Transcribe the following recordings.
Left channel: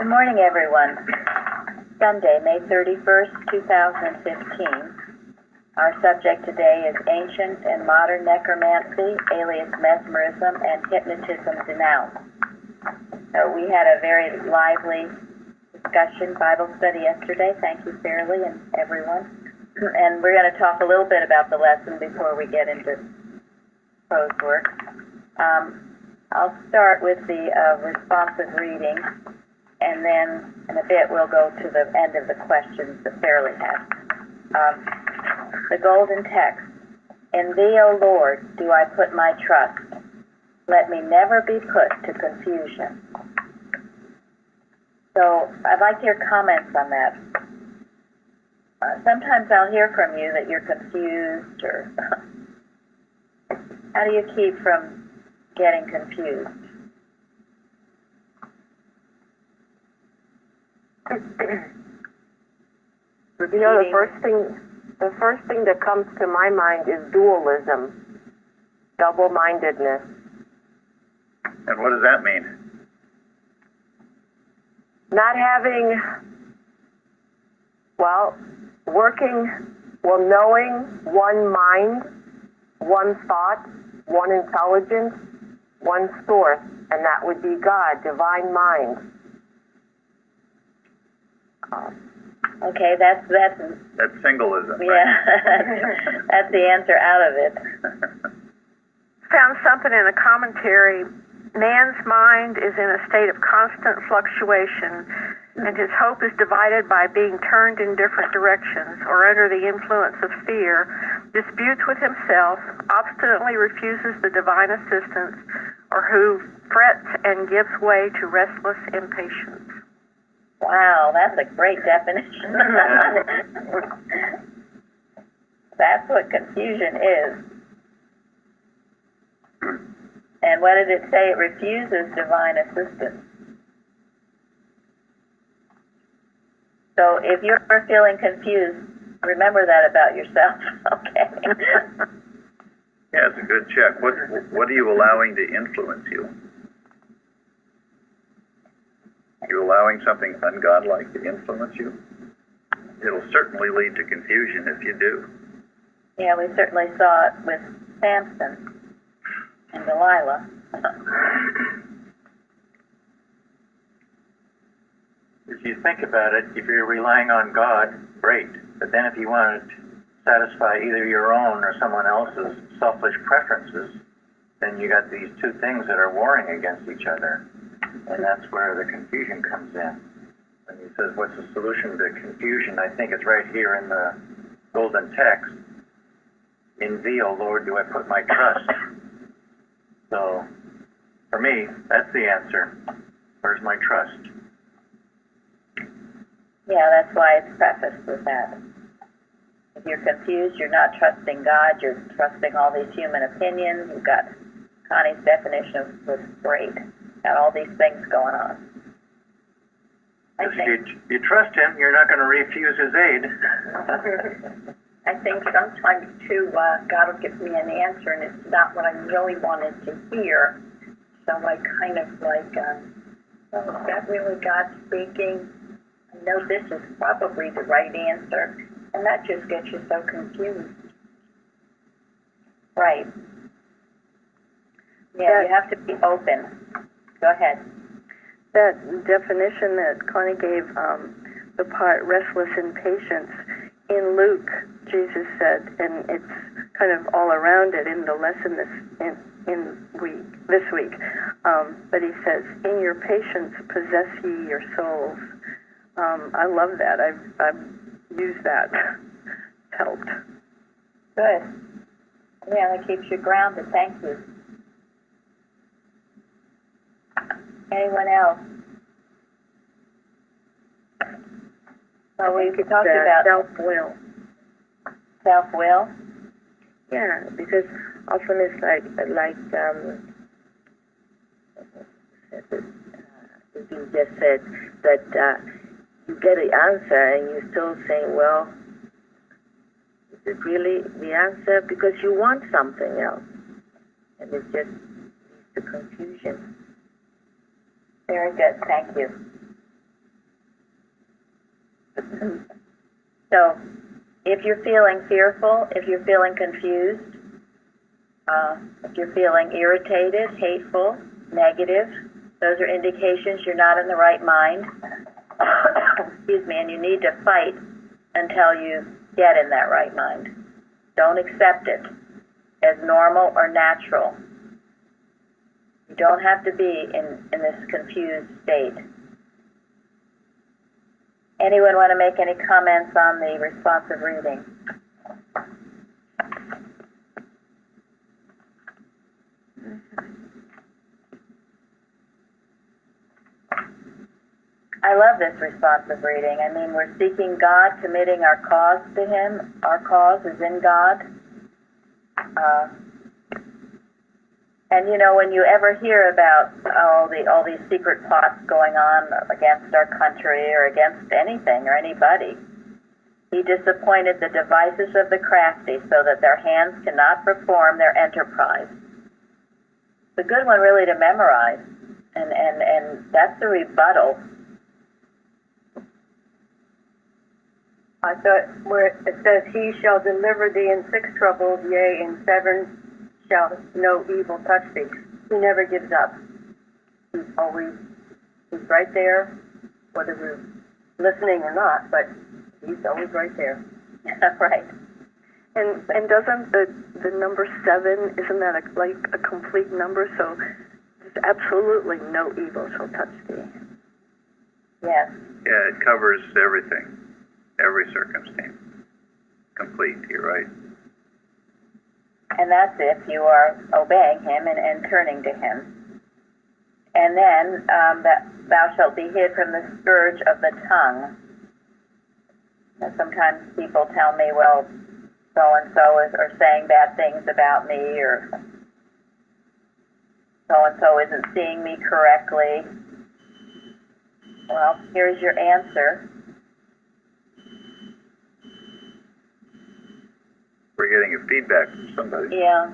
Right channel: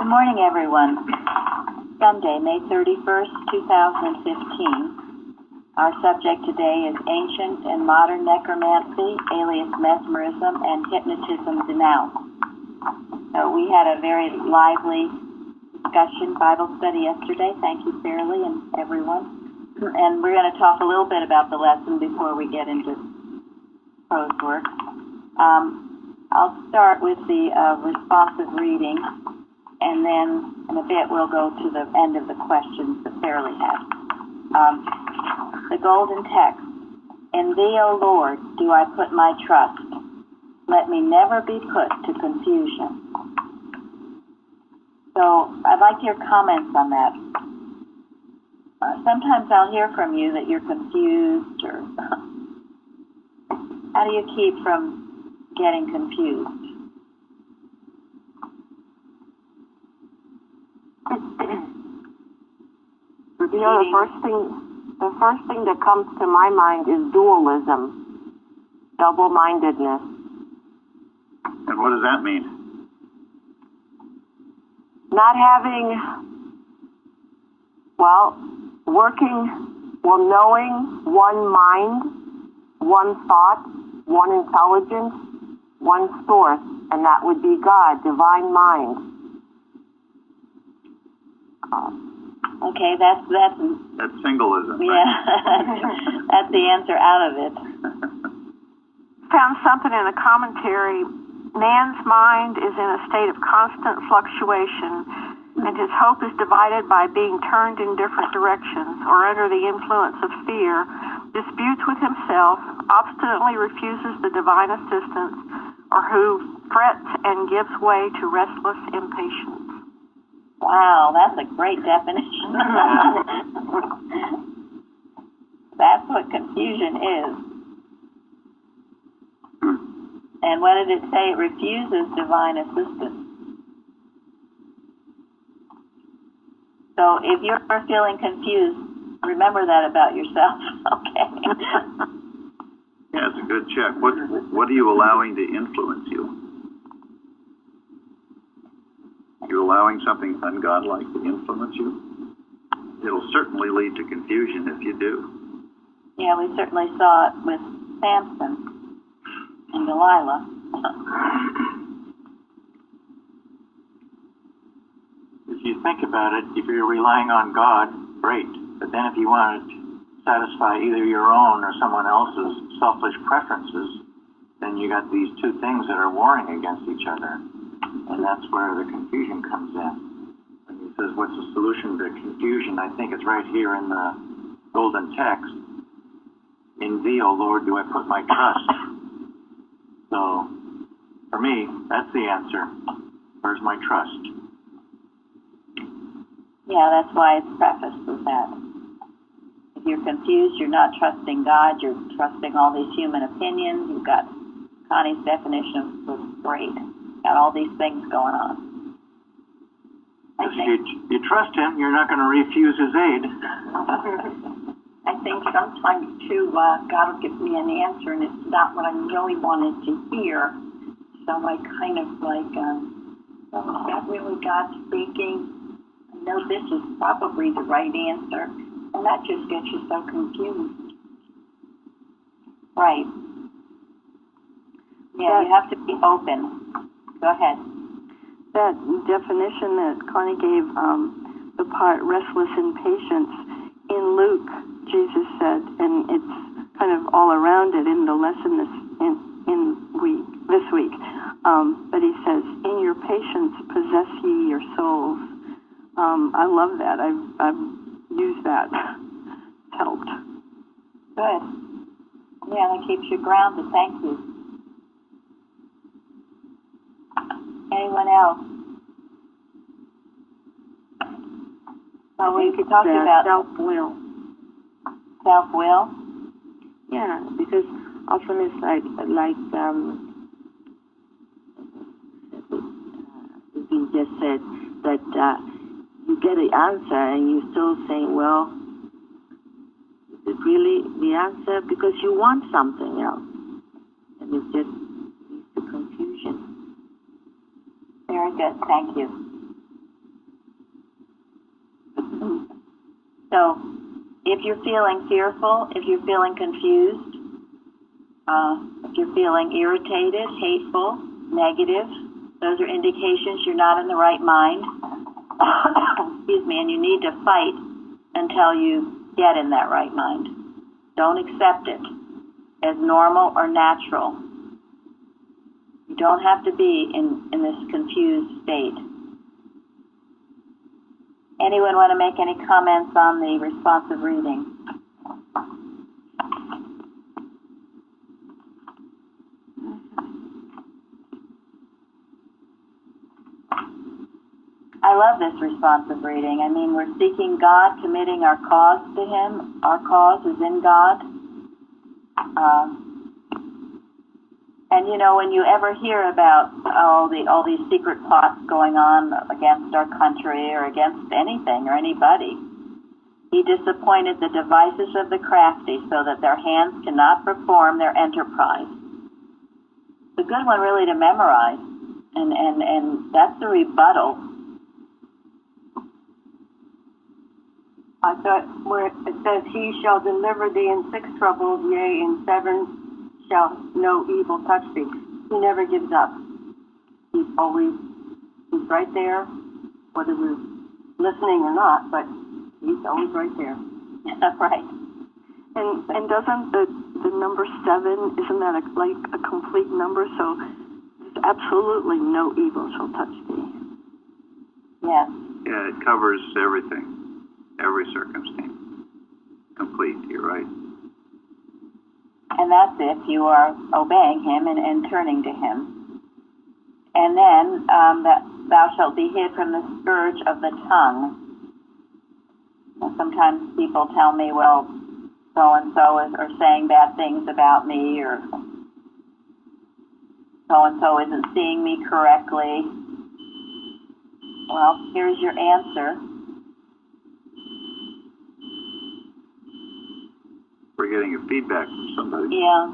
Good morning, everyone. Sunday, May 31st, 2015. Our subject today is Ancient and Modern Necromancy, alias Mesmerism, and Hypnotism Denounced. So we had a very lively discussion, Bible study yesterday. Thank you, Fairley, and everyone. And we're going to talk a little bit about the lesson before we get into prose work. I'll start with the responsive reading, and then in a bit we'll go to the end of the questions that Fairley had. The golden text. In thee, O Lord, do I put my trust. Let me never be put to confusion. So I'd like your comments on that. Sometimes I'll hear from you that you're confused, or how do you keep from getting confused? You know, the first thing that comes to my mind is dualism, double-mindedness. And what does that mean? Not having, knowing one mind, one thought, one intelligence, one source, and that would be God, divine mind. Okay, that's singleism. Yeah, right? That's the answer out of it. Found something in a commentary. Man's mind is in a state of constant fluctuation, and his hope is divided by being turned in different directions or under the influence of fear, disputes with himself, obstinately refuses the divine assistance, or who frets and gives way to restless impatience. Wow, that's a great definition. That's what confusion is. And what did it say? It refuses divine assistance. So if you're feeling confused, remember that about yourself, okay? Yeah, it's a good check. What are you allowing to influence you? You're allowing something ungodlike to influence you? It'll certainly lead to confusion if you do. Yeah, we certainly saw it with Samson and Delilah. If you think about it, if you're relying on God, great. But then if you want to satisfy either your own or someone else's selfish preferences, then you got these two things that are warring against each other. And that's where the confusion comes in. When he says, what's the solution to confusion? I think it's right here in the golden text. In thee, O Lord, do I put my trust. So, for me, that's the answer. Where's my trust? Yeah, that's why it's prefaced with that. If you're confused, you're not trusting God, you're trusting all these human opinions. You've got Connie's definition was great. Got all these things going on. If you trust him, you're not going to refuse his aid. I think sometimes, too, God will give me an answer, and it's not what I really wanted to hear. So I kind of like, is that really God speaking? I know this is probably the right answer, and that just gets you so confused. Right. Yeah, you have to be open. Go ahead. That definition that Connie gave, the part restless impatience, in Luke, Jesus said, and it's kind of all around it in the lesson this week, but he says, in your patience possess ye your souls. I love that. I've used that. It's helped. Good. Yeah, that keeps you grounded. Thank you. Anyone else? Well, we could talk about self-will. Self-will? Yeah, because often it's like you just said that you get the answer and you're still saying, well, is it really the answer? Because you want something else. And it just leads to confusion. Very good, thank you. So, if you're feeling fearful, if you're feeling confused, if you're feeling irritated, hateful, negative, those are indications you're not in the right mind. Excuse me, and you need to fight until you get in that right mind. Don't accept it as normal or natural. You don't have to be in this confused state. Anyone want to make any comments on the responsive reading? I love this responsive reading. I mean, we're seeking God, committing our cause to Him. Our cause is in God. And you know, when you ever hear about all these secret plots going on against our country or against anything or anybody, He disappointed the devices of the crafty so that their hands cannot perform their enterprise. It's a good one really to memorize, and that's the rebuttal. I thought where it says, He shall deliver thee in 6 troubles, yea, in 7 shall no evil touch thee. He never gives up. He's right there, whether we're listening or not, but He's always right there. Right. And doesn't the number 7, isn't that like a complete number? So there's absolutely no evil shall touch thee. Yes. Yeah, it covers everything, every circumstance. Complete, you're right. And that's if you are obeying Him and turning to Him. And then that thou shalt be hid from the scourge of the tongue. And sometimes people tell me, well, so-and-so are saying bad things about me, or so-and-so isn't seeing me correctly. Well, here's your answer. We're getting a feedback from somebody. Yeah.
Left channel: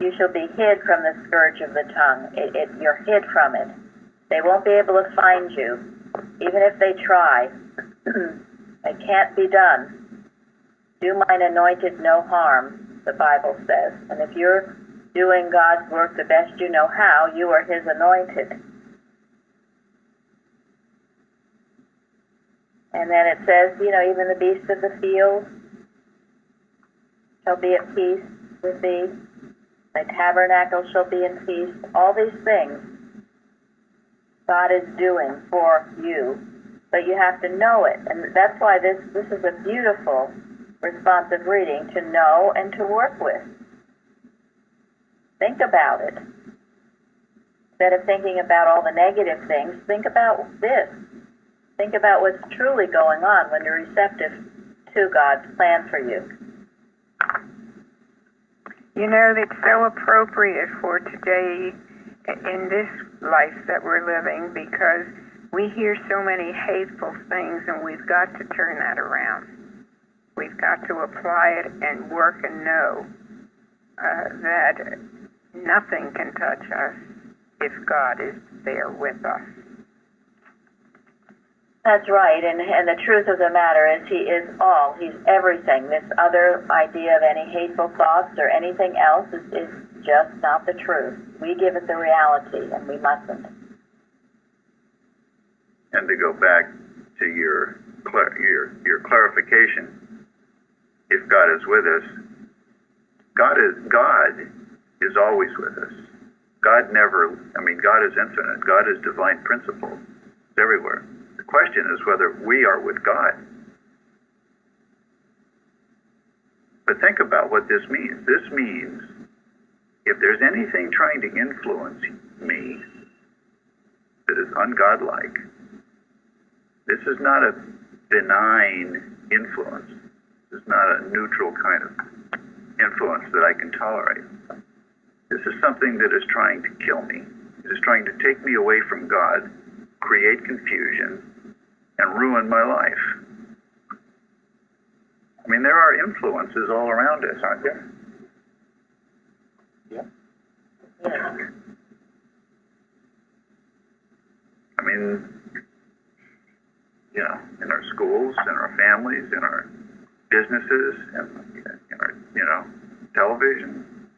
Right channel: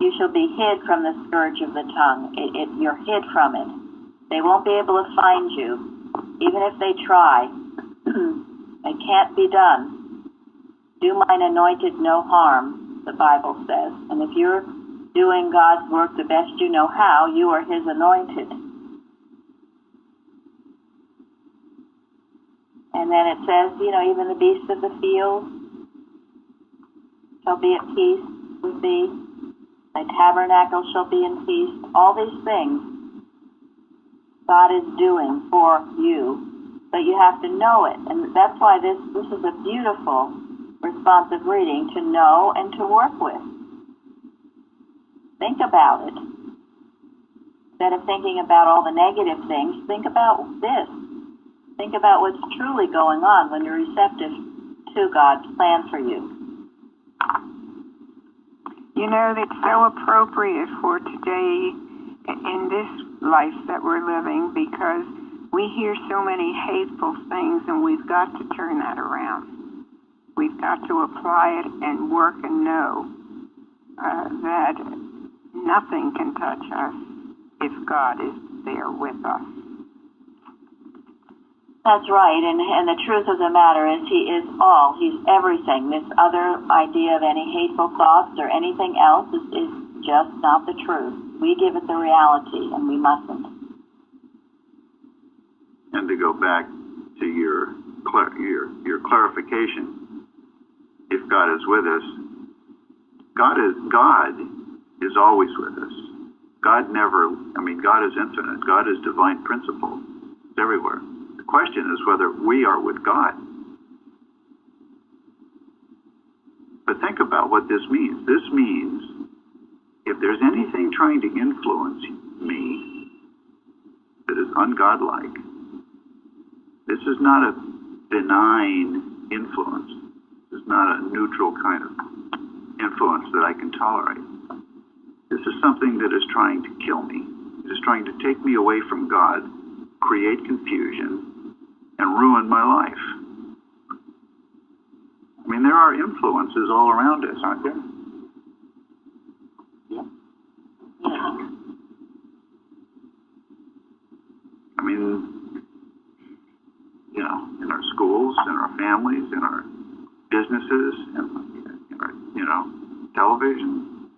You shall be hid from the scourge of the tongue. You're hid from it. They won't be able to find you, even if they try. It can't be done. Do mine anointed no harm, the Bible says. And if you're doing God's work the best you know how, you are His anointed. And then it says, you know, even the beasts of the field shall be at peace with thee. Thy tabernacle shall be in peace. All these things God is doing for you, but you have to know it. And that's why this is a beautiful responsive reading to know and to work with. Think about it. Instead of thinking about all the negative things, think about this. Think about what's truly going on when you're receptive to God's plan for you. You know, it's so appropriate for today in this life that we're living, because we hear so many hateful things, and we've got to turn that around. We've got to apply it and work and know that nothing can touch us if God is there with us. That's right, and the truth of the matter is He is all. He's everything. This other idea of any hateful thoughts or anything else is just not the truth. We give it the reality, and we mustn't. And to go back to your clarification, if God is with us, God is always with us. God is infinite. God is divine principle. It's everywhere. The question is whether we are with God. But think about what this means. This means if there's anything trying to influence me that is ungodlike, this is not a benign influence. This is not a neutral kind of influence that I can tolerate. This is something that is trying to kill me. It is trying to take me away from God, create confusion, and ruin my life. I mean, there are influences all around us, aren't there? Yes. I mean, schools, in our families, in our businesses, in our, television.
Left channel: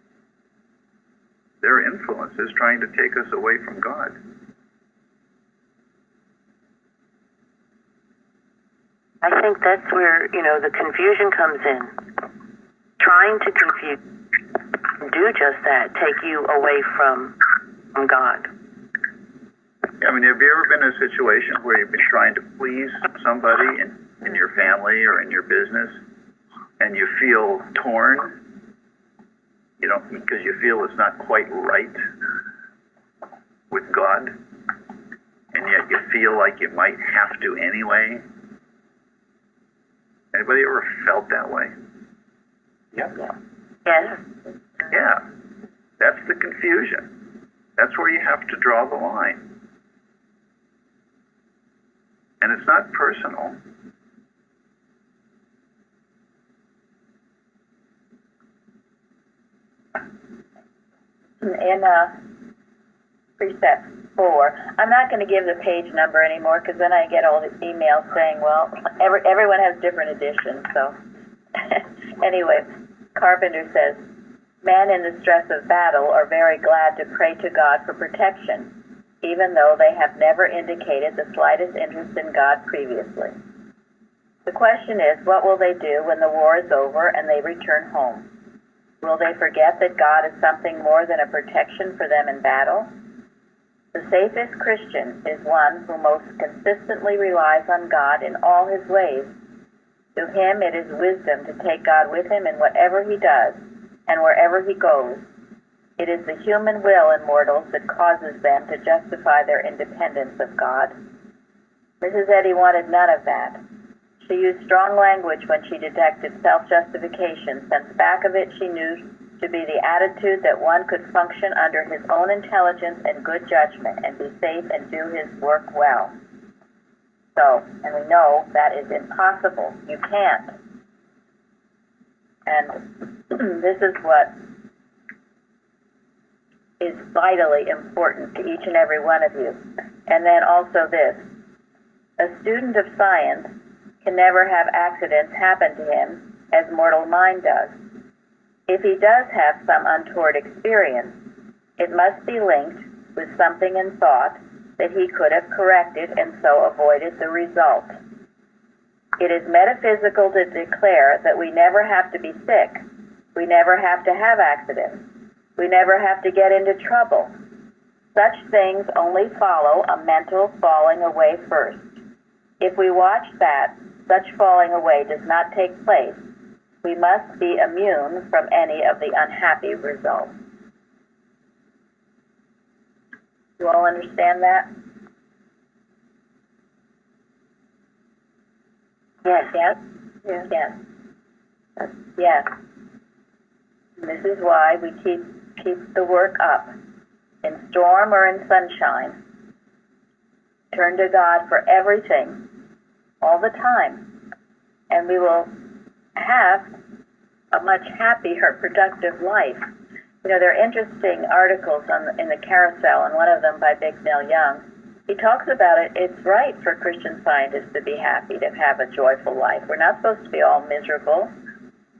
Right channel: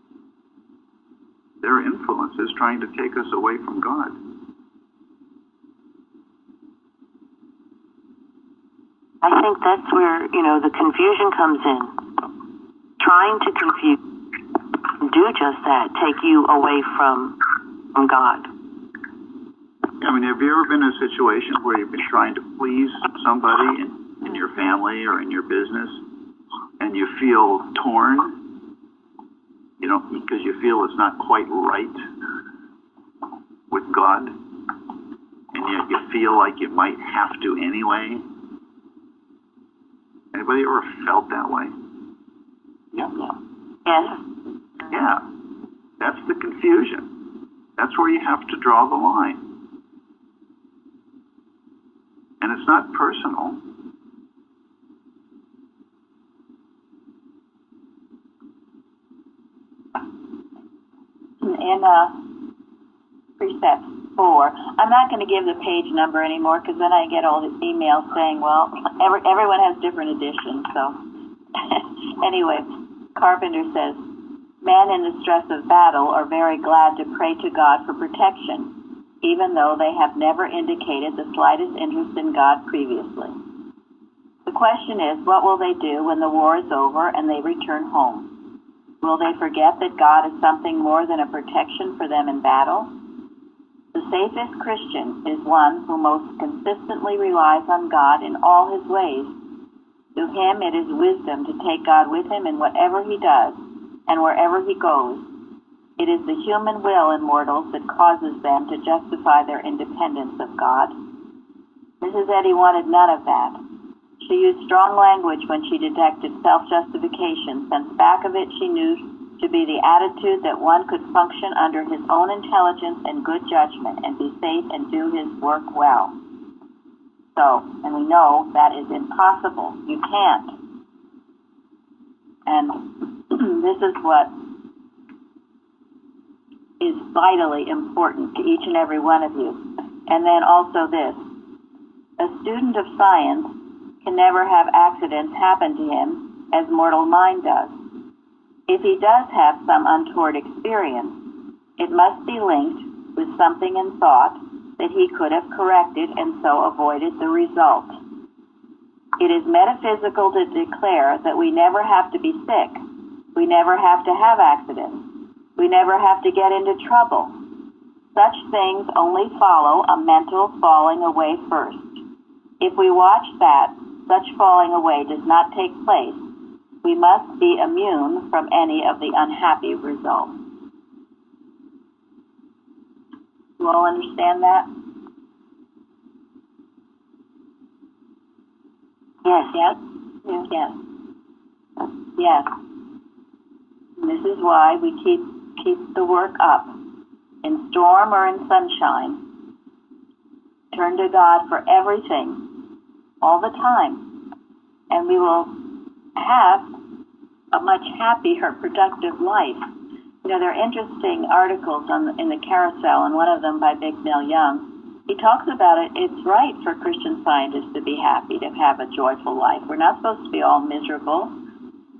There are influences trying to take us away from God. I think that's where, the confusion comes in. Trying to do just that, take you away from God. I mean, have you ever been in a situation where you've been trying to please somebody in your family or in your business, and you feel torn, because you feel it's not quite right with God, and yet you feel like you might have to anyway? Anybody ever felt that way? Yep. Yes. Yeah. That's the confusion. That's where you have to draw the line. And it's not personal. In precept 4, I'm not going to give the page number anymore because then I get all the emails saying, well, everyone has different editions. So anyway, Carpenter says, men in the stress of battle are very glad to pray to God for protection, even though they have never indicated the slightest interest in God previously. The question is, what will they do when the war is over and they return home? Will they forget that God is something more than a protection for them in battle? The safest Christian is one who most consistently relies on God in all his ways. To him it is wisdom to take God with him in whatever he does and wherever he goes. It is the human will in mortals that causes them to justify their independence of God. Mrs. Eddy wanted none of that. She used strong language when she detected self-justification, since back of it she knew to be the attitude that one could function under his own intelligence and good judgment and be safe and do his work well. So, and we know that is impossible. You can't. And this is what is vitally important to each and every one of you. And then also this. A student of science can never have accidents happen to him as mortal mind does. If he does have some untoward experience, it must be linked with something in thought that he could have corrected and so avoided the result. It is metaphysical to declare that we never have to be sick. We never have to have accidents. We never have to get into trouble. Such things only follow a mental falling away first. If we watch that such falling away does not take place, we must be immune from any of the unhappy results. You all understand that? Yes. Yes? Yes. Yes. Yes. And this is why we keep the work up. In storm or in sunshine. Turn to God for everything, all the time. And we will have a much happier, productive life. There are interesting articles in the Carousel, and one of them by Big Neil Young. He talks about it. It's right for Christian scientists to be happy, to have a joyful life. We're not supposed to be all miserable.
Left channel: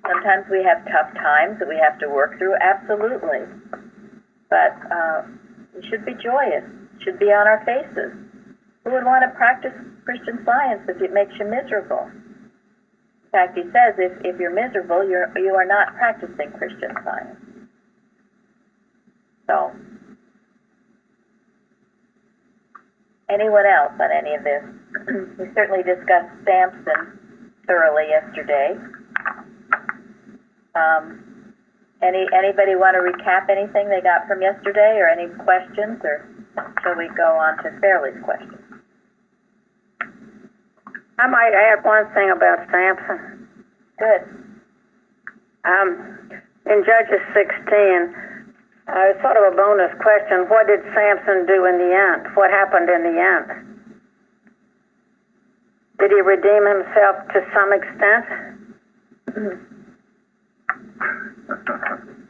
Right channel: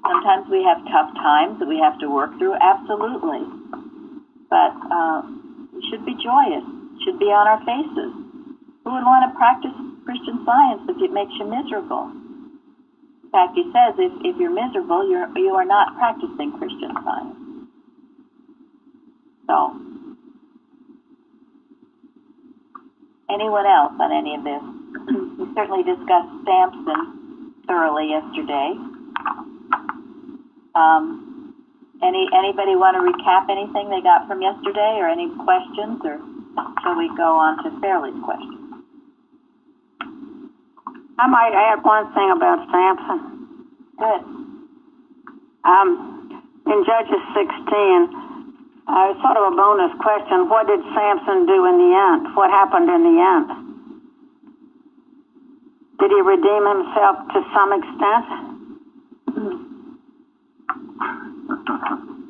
Sometimes we have tough times that we have to work through, absolutely. But we should be joyous, should be on our faces. Who would want to practice Christian Science if it makes you miserable? In fact, he says if you're miserable, you are not practicing Christian Science. So, anyone else on any of this? We certainly discussed Samson thoroughly yesterday. Anybody want to recap anything they got from yesterday, or any questions, or shall we go on to Fairley's question? I might add one thing about Samson. Good. In Judges 16, sort of a bonus question, what did Samson do in the end? What happened in the end? Did he redeem himself to some extent?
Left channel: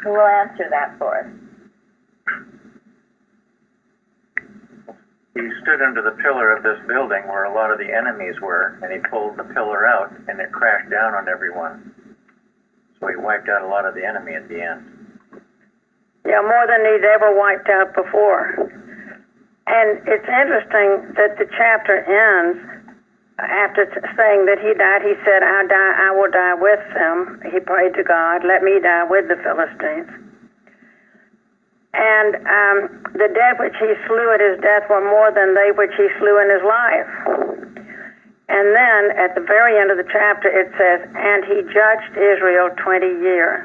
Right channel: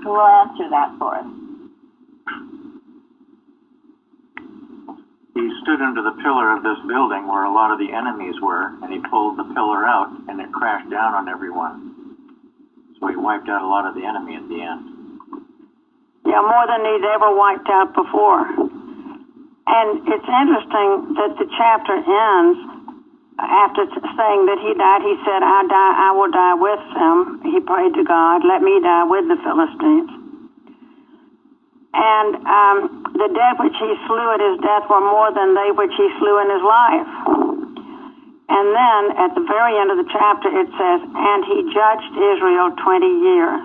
Who will answer that for us? He he stood under the pillar of this building where a lot of the enemies were, and he pulled the pillar out, and it crashed down on everyone. So he wiped out a lot of the enemy at the end. Yeah, more than he'd ever wiped out before. And it's interesting that the chapter ends after saying that he died. He said, I will die with them. He prayed to God, let me die with the Philistines. And the dead which he slew at his death were more than they which he slew in his life. And then at the very end of the chapter it says, and he judged Israel 20 years.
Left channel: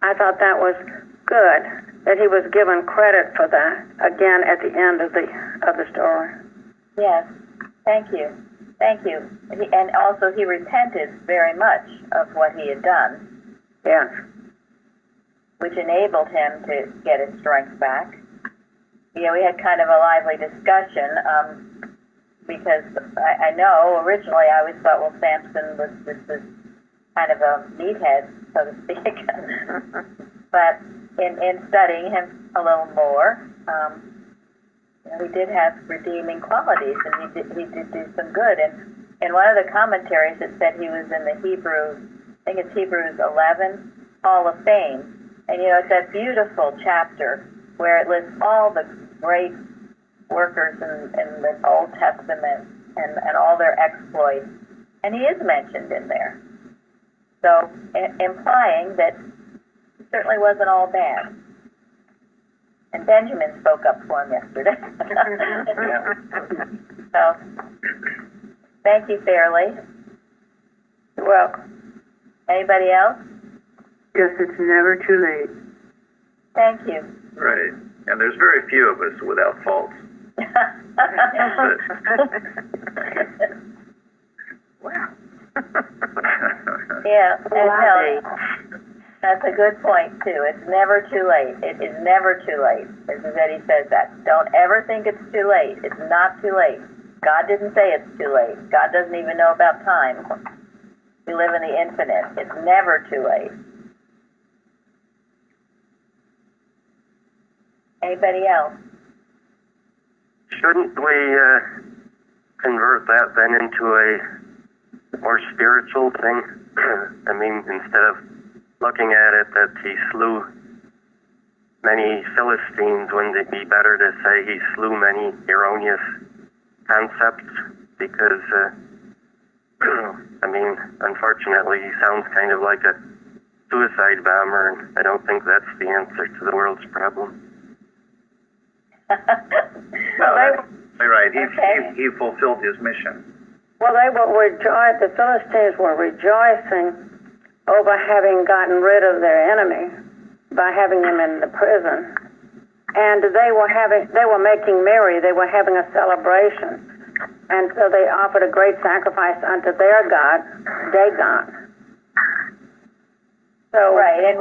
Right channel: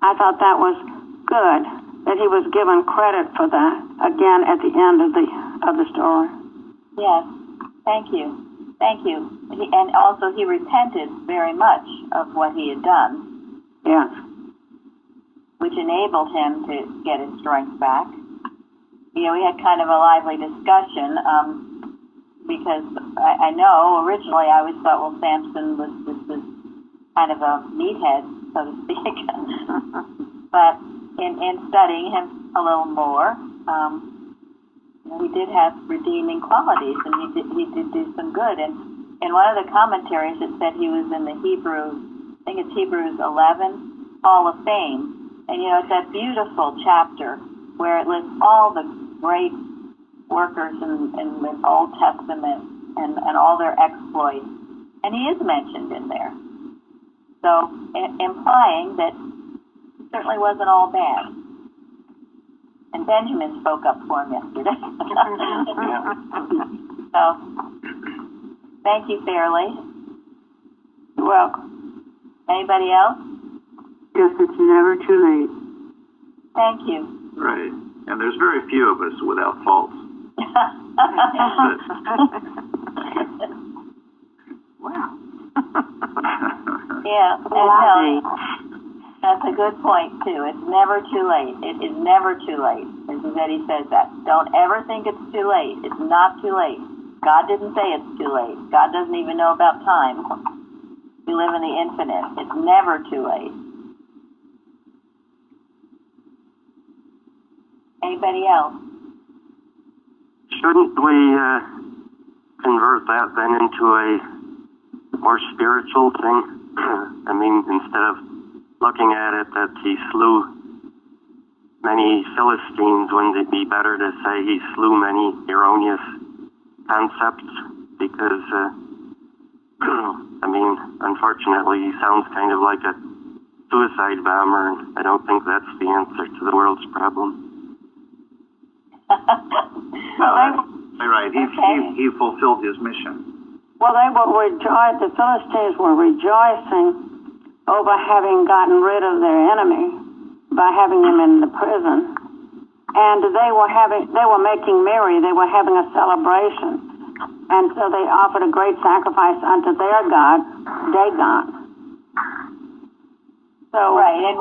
I thought that was good, that he was given credit for that, again at the end of the story. Yes, thank you. Thank you. And also he repented very much of what he had done. Yes. Which enabled him to get his strength back. Yeah, we had kind of a lively discussion because I know originally I always thought, well, Samson was just this kind of a meathead, so to speak. But in studying him a little more, he did have redeeming qualities, and he did do some good. And in one of the commentaries, it said he was in the Hebrews, I think it's Hebrews 11, Hall of Fame. And, it's that beautiful chapter where it lists all the great workers in the Old Testament and all their exploits. And he is mentioned in there. So, implying that it certainly wasn't all bad. And Benjamin spoke up for him yesterday. So, thank you, Fairley. You're welcome. Anybody else? Yes, it's never too late. Thank you. Right. And there's very few of us without faults. Wow. Yeah, and that's a good point, too. It's never too late. It is never too late. Mrs. Eddy says that. Don't ever think it's too late. It's not too late. God didn't say it's too late. God doesn't even know about time. We live in the infinite. It's never too late. Anybody else? Shouldn't we convert that then into a more spiritual thing? I mean, instead of looking at it that he slew many Philistines, wouldn't it be better to say he slew many erroneous concepts? Because, I mean, unfortunately, he sounds kind of like a suicide bomber, and I don't think that's the answer to the world's problem. You're right. He fulfilled his mission. Well, they were the Philistines were rejoicing over having gotten rid of their enemy by having him in the prison. And they were making merry. They were having a celebration. And so they offered a great sacrifice unto their God, Dagon. So, right, and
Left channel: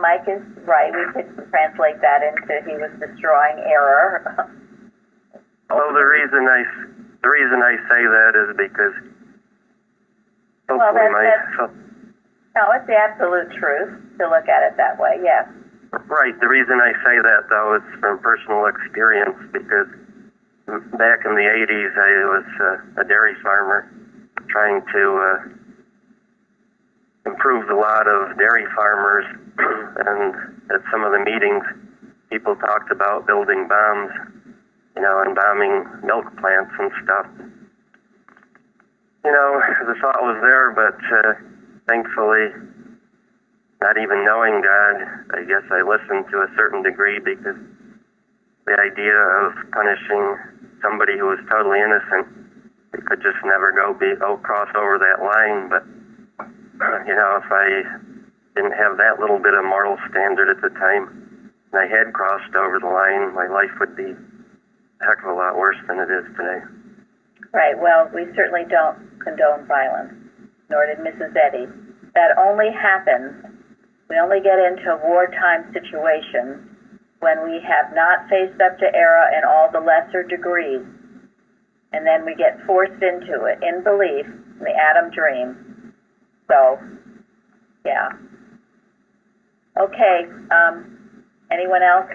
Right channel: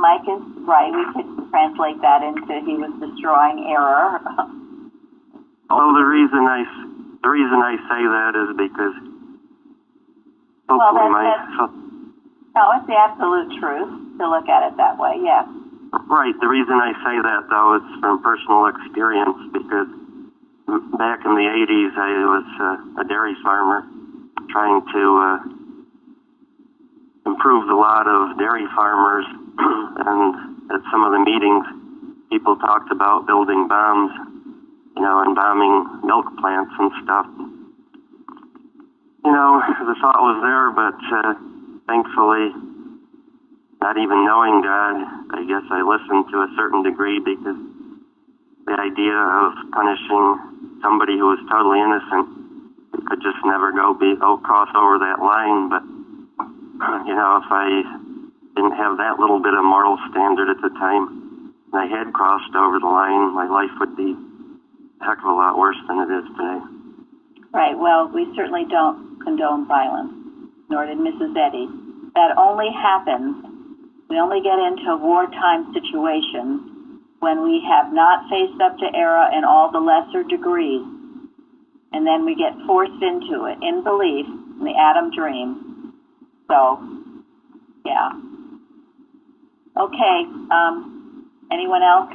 Mike is right. We could translate that into he was destroying error. Well, the reason I say that is because hopefully no, it's the absolute truth to look at it that way. Yes. Right. The reason I say that though is from personal experience, because back in the 80s I was a dairy farmer trying to improve the lot of dairy farmers, and at some of the meetings, people talked about building bombs, and bombing milk plants and stuff. The thought was there, but thankfully, not even knowing God, I guess I listened to a certain degree, because the idea of punishing somebody who was totally innocent, it could just never cross over that line. But if I didn't have that little bit of moral standard at the time, and I had crossed over the line, my life would be a heck of a lot worse than it is today. Right. Well, we certainly don't condone violence, nor did Mrs. Eddy. That only happens, we only get into wartime situations when we have not faced up to error in all the lesser degrees, and then we get forced into it in belief, in the Adam dream. So, yeah. Okay, anyone else?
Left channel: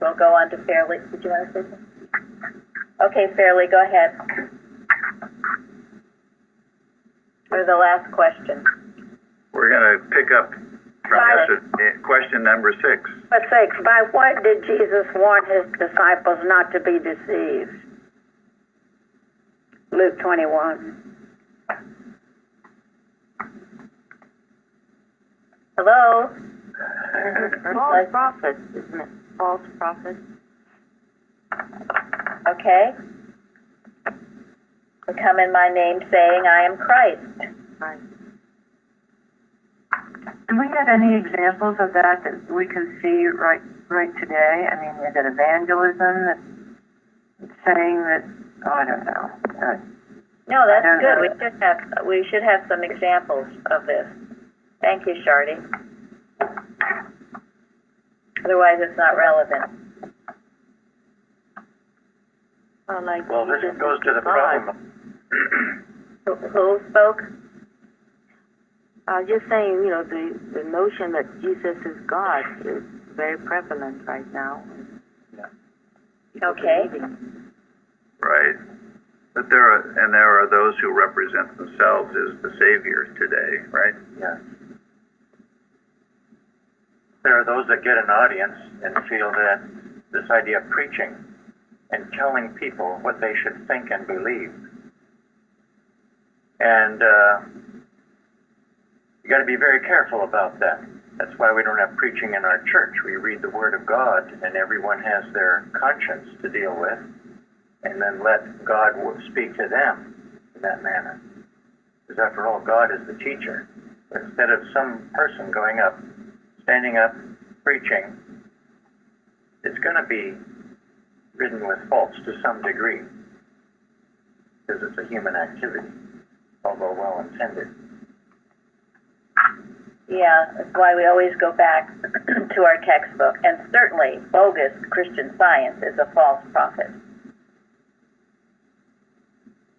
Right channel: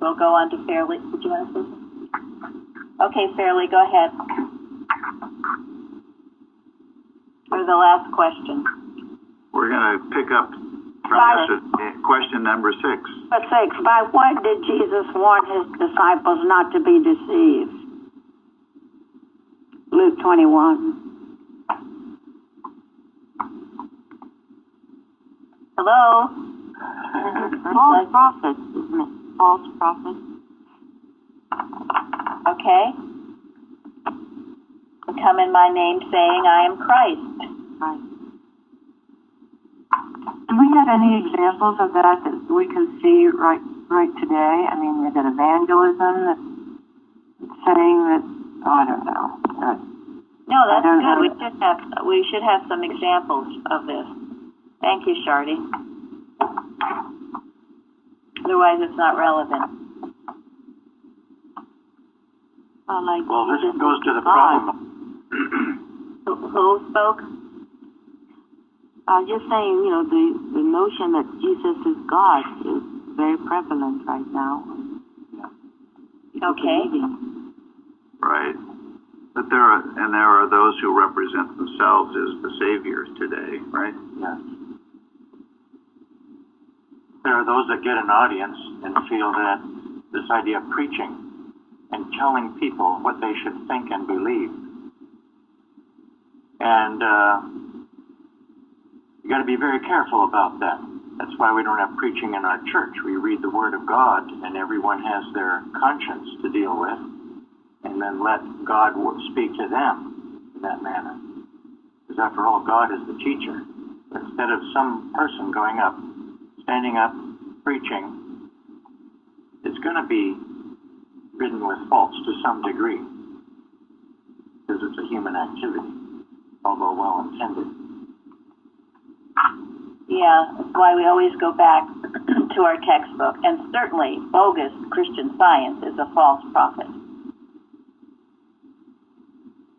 We'll go on to Fairley. Did you want to say something? Okay, Fairley, go ahead. Or the last question. We're going to pick up from question number 6. Number 6, by what did Jesus warn his disciples not to be deceived? Luke 21. Hello? False prophets, isn't it? False prophets. Okay. Come in my name saying, I am Christ. Right. Do we have any examples of that we can see right today? I mean, is it evangelism that's saying that? Oh, I don't know. No, that's don't good. know. We should have some examples of this. Thank you, Shardy. Otherwise, it's not relevant. Well, this goes to the problem. Who spoke? Just saying, you know, the notion that Jesus is God is very prevalent right now. Yeah. Okay. Right. But there are those who represent themselves as the saviors today, right? Yes. There are those that get an audience and feel that this idea of preaching and telling people what they should think and believe. And you got to be very careful about that. That's why we don't have preaching in our church. We read the Word of God, and everyone has their conscience to deal with, and then let God speak to them in that manner. Because after all, God is the teacher. But instead of some person going up, standing up, preaching, it's going to be ridden with faults to some degree, because it's a human activity, although well-intended. Yeah, that's why we always go back to our textbook. And certainly, bogus Christian Science is a false prophet.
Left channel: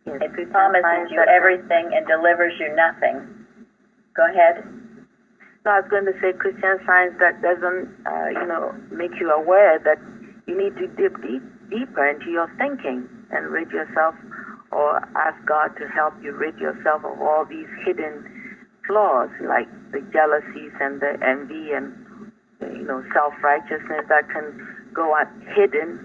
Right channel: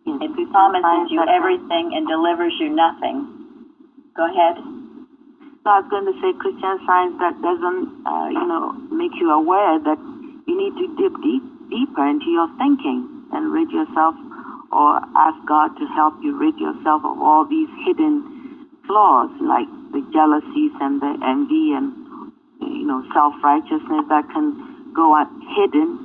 Yes, It promises you everything and delivers you nothing. Go ahead. So I was going to say Christian Science that doesn't, make you aware that you need to dip deeper into your thinking and rid yourself, or ask God to help you rid yourself of all these hidden flaws, like the jealousies and the envy and, self-righteousness that can go hidden.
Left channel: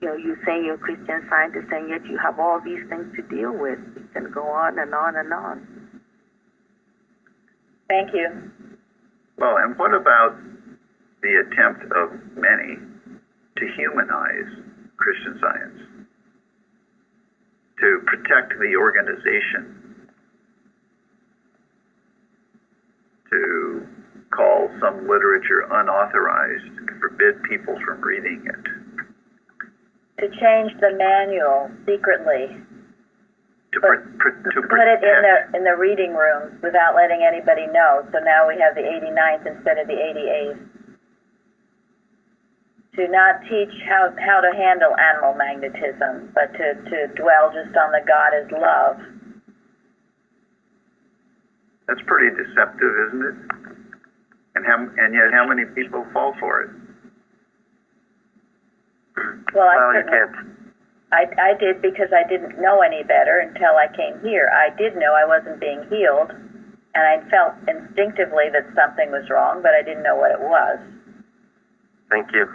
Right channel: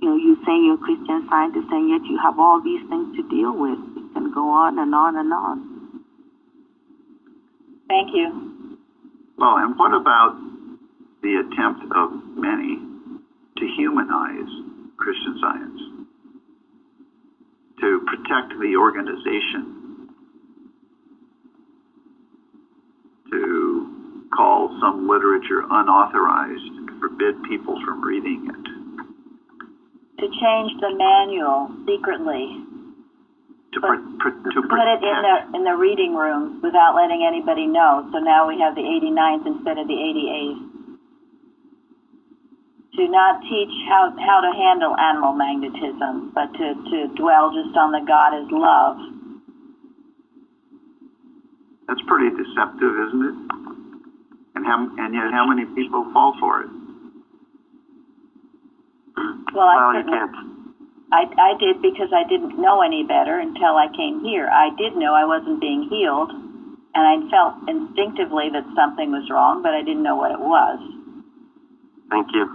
You saying you're a Christian Scientist, and yet you have all these things to deal with. It can go on and on and on. Thank you. Well, and what about the attempt of many to humanize Christian Science, to protect the organization, to call some literature unauthorized, to forbid people from reading it? To change the manual secretly. To put it in the reading rooms without letting anybody know. So now we have the 89th instead of the 88th. To not teach how to handle animal magnetism, but to dwell just on the God is love. That's pretty deceptive, isn't it? And yet how many people fall for it? Well, you can't. I did, because I didn't know any better until I came here. I did know I wasn't being healed, and I felt instinctively that something was wrong, but I didn't know what it was. Thank you.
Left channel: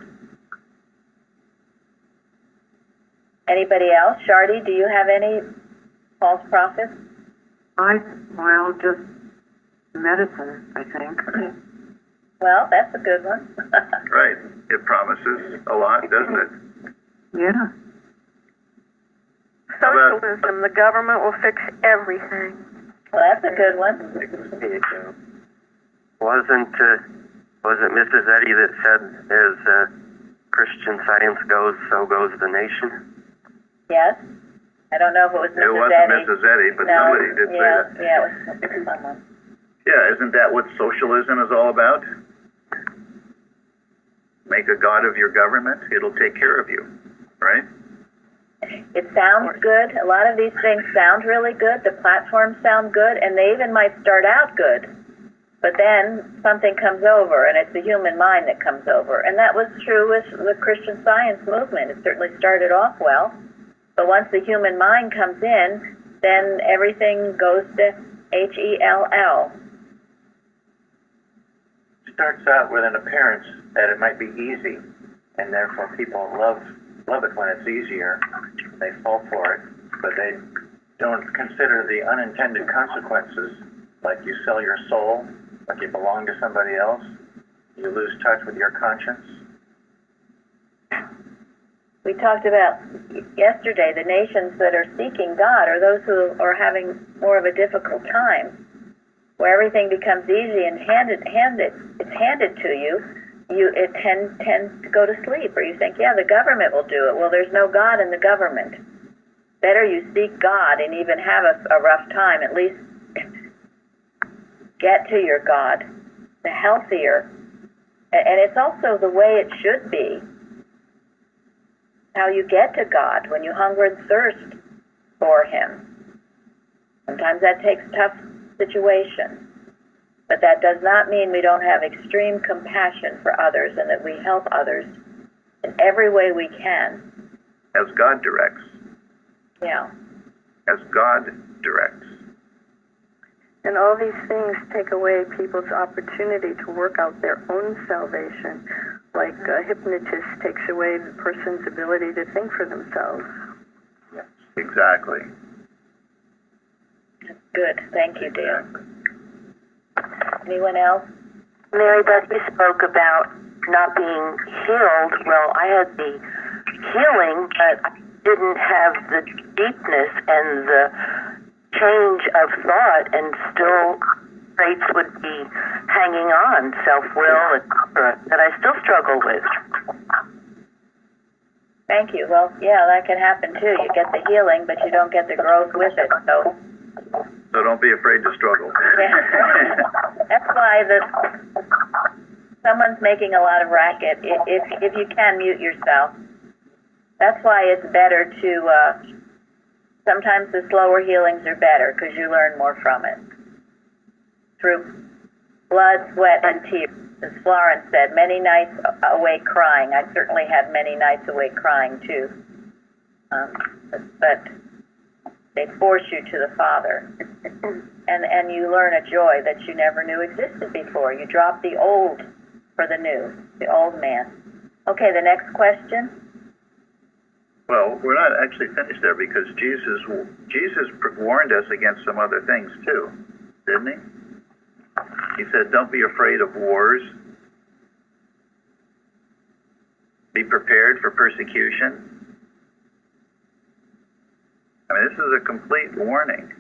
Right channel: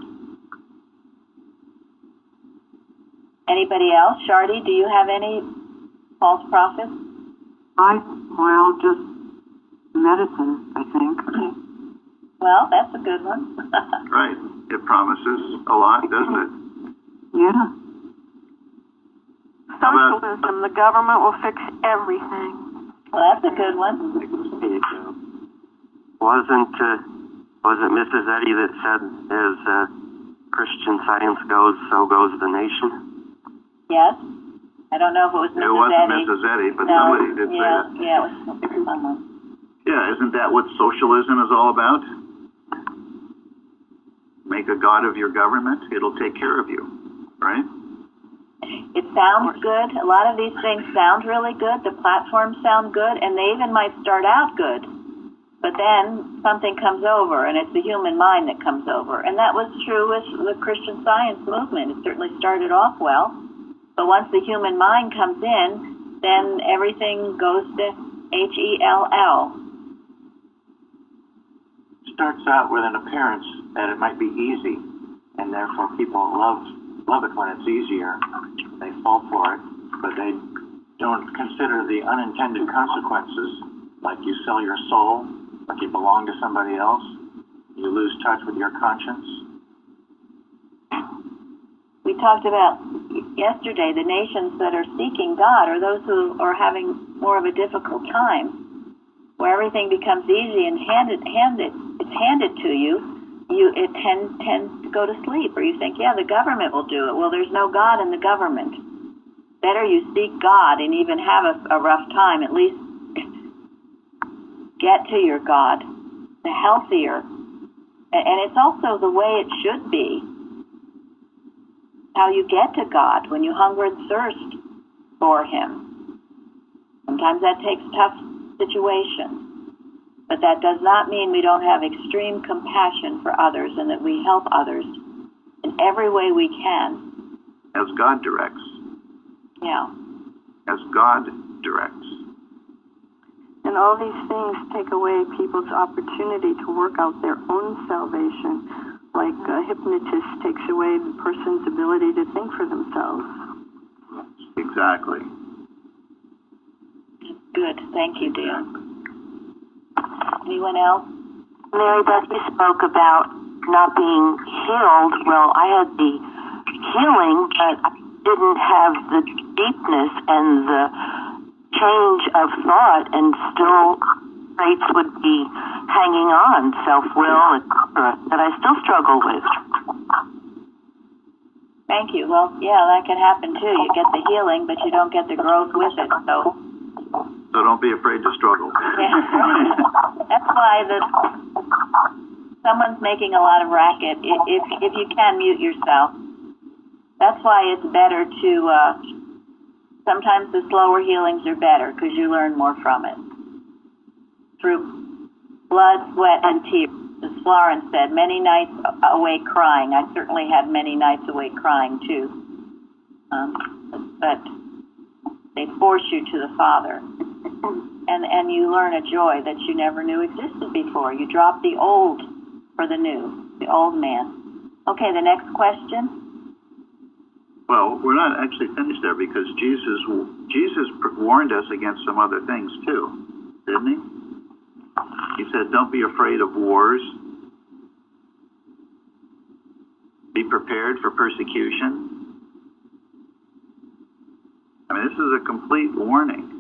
Anybody else? Shardy, do you have any false prophets? Just medicine, I think. Well, that's a good one. Right. It promises a lot, doesn't it? Yeah. Socialism, the government will fix everything. Well, that's a good one. Wasn't Mrs. Eddy that said, as Christian Science goes, so goes the nation? Yes. I don't know if it was Mrs. Eddy. It wasn't Mrs. Eddy, but somebody did say that. Yeah, it was someone. Yeah, isn't that what socialism is all about? Make a god of your government, it'll take care of you, right? It sounds good. A lot of these things sound really good. The platforms sound good, and they even might start out good. But then something comes over, and it's the human mind that comes over. And that was true with the Christian Science movement. It certainly started off well, But once the human mind comes in, then everything goes to HELL. Starts out with an appearance that it might be easy, and therefore people love it when it's easier. They fall for it, but they don't consider the unintended consequences, like you sell your soul, like you belong to somebody else, you lose touch with your conscience. We talked about yesterday the nations that are seeking God are those who are having more of a difficult time, where everything becomes easy and it's handed to you. It tends to go to sleep, or you think, yeah, the government will do it. Well, there's no God in the government. Better you seek God and even have a rough time. At least get to your God, the healthier. And it's also the way it should be. How you get to God, when you hunger and thirst for Him. Sometimes that takes tough situations. But that does not mean we don't have extreme compassion for others and that we help others in every way we can. As God directs. Yeah. As God directs. And all these things take away people's opportunity to work out their own salvation. Like a hypnotist takes away the person's ability to think for themselves. Yes, exactly. Good. Thank you, Dale. Anyone else? Mary Beth, you spoke about not being healed. Well, I had the healing, but I didn't have the deepness and the change of thought, and still traits would be hanging on, self-will, etc., that I still struggle with. Thank you. Well, yeah, that can happen too. You get the healing, but you don't get the growth with it. So don't be afraid to struggle. Yeah. That's why someone's making a lot of racket. If you can, mute yourself. That's why it's better to, sometimes the slower healings are better because you learn more from it. Through blood, sweat, and tears. As Florence said, many nights awake crying. I certainly had many nights awake crying too. But they force you to the Father. And you learn a joy that you never knew existed before. You drop the old for the new, the old man. Okay, the next question. Well, we're not actually finished there because Jesus warned us against some other things too, didn't he? He said, don't be afraid of wars. Be prepared for persecution. I mean, this is a complete warning.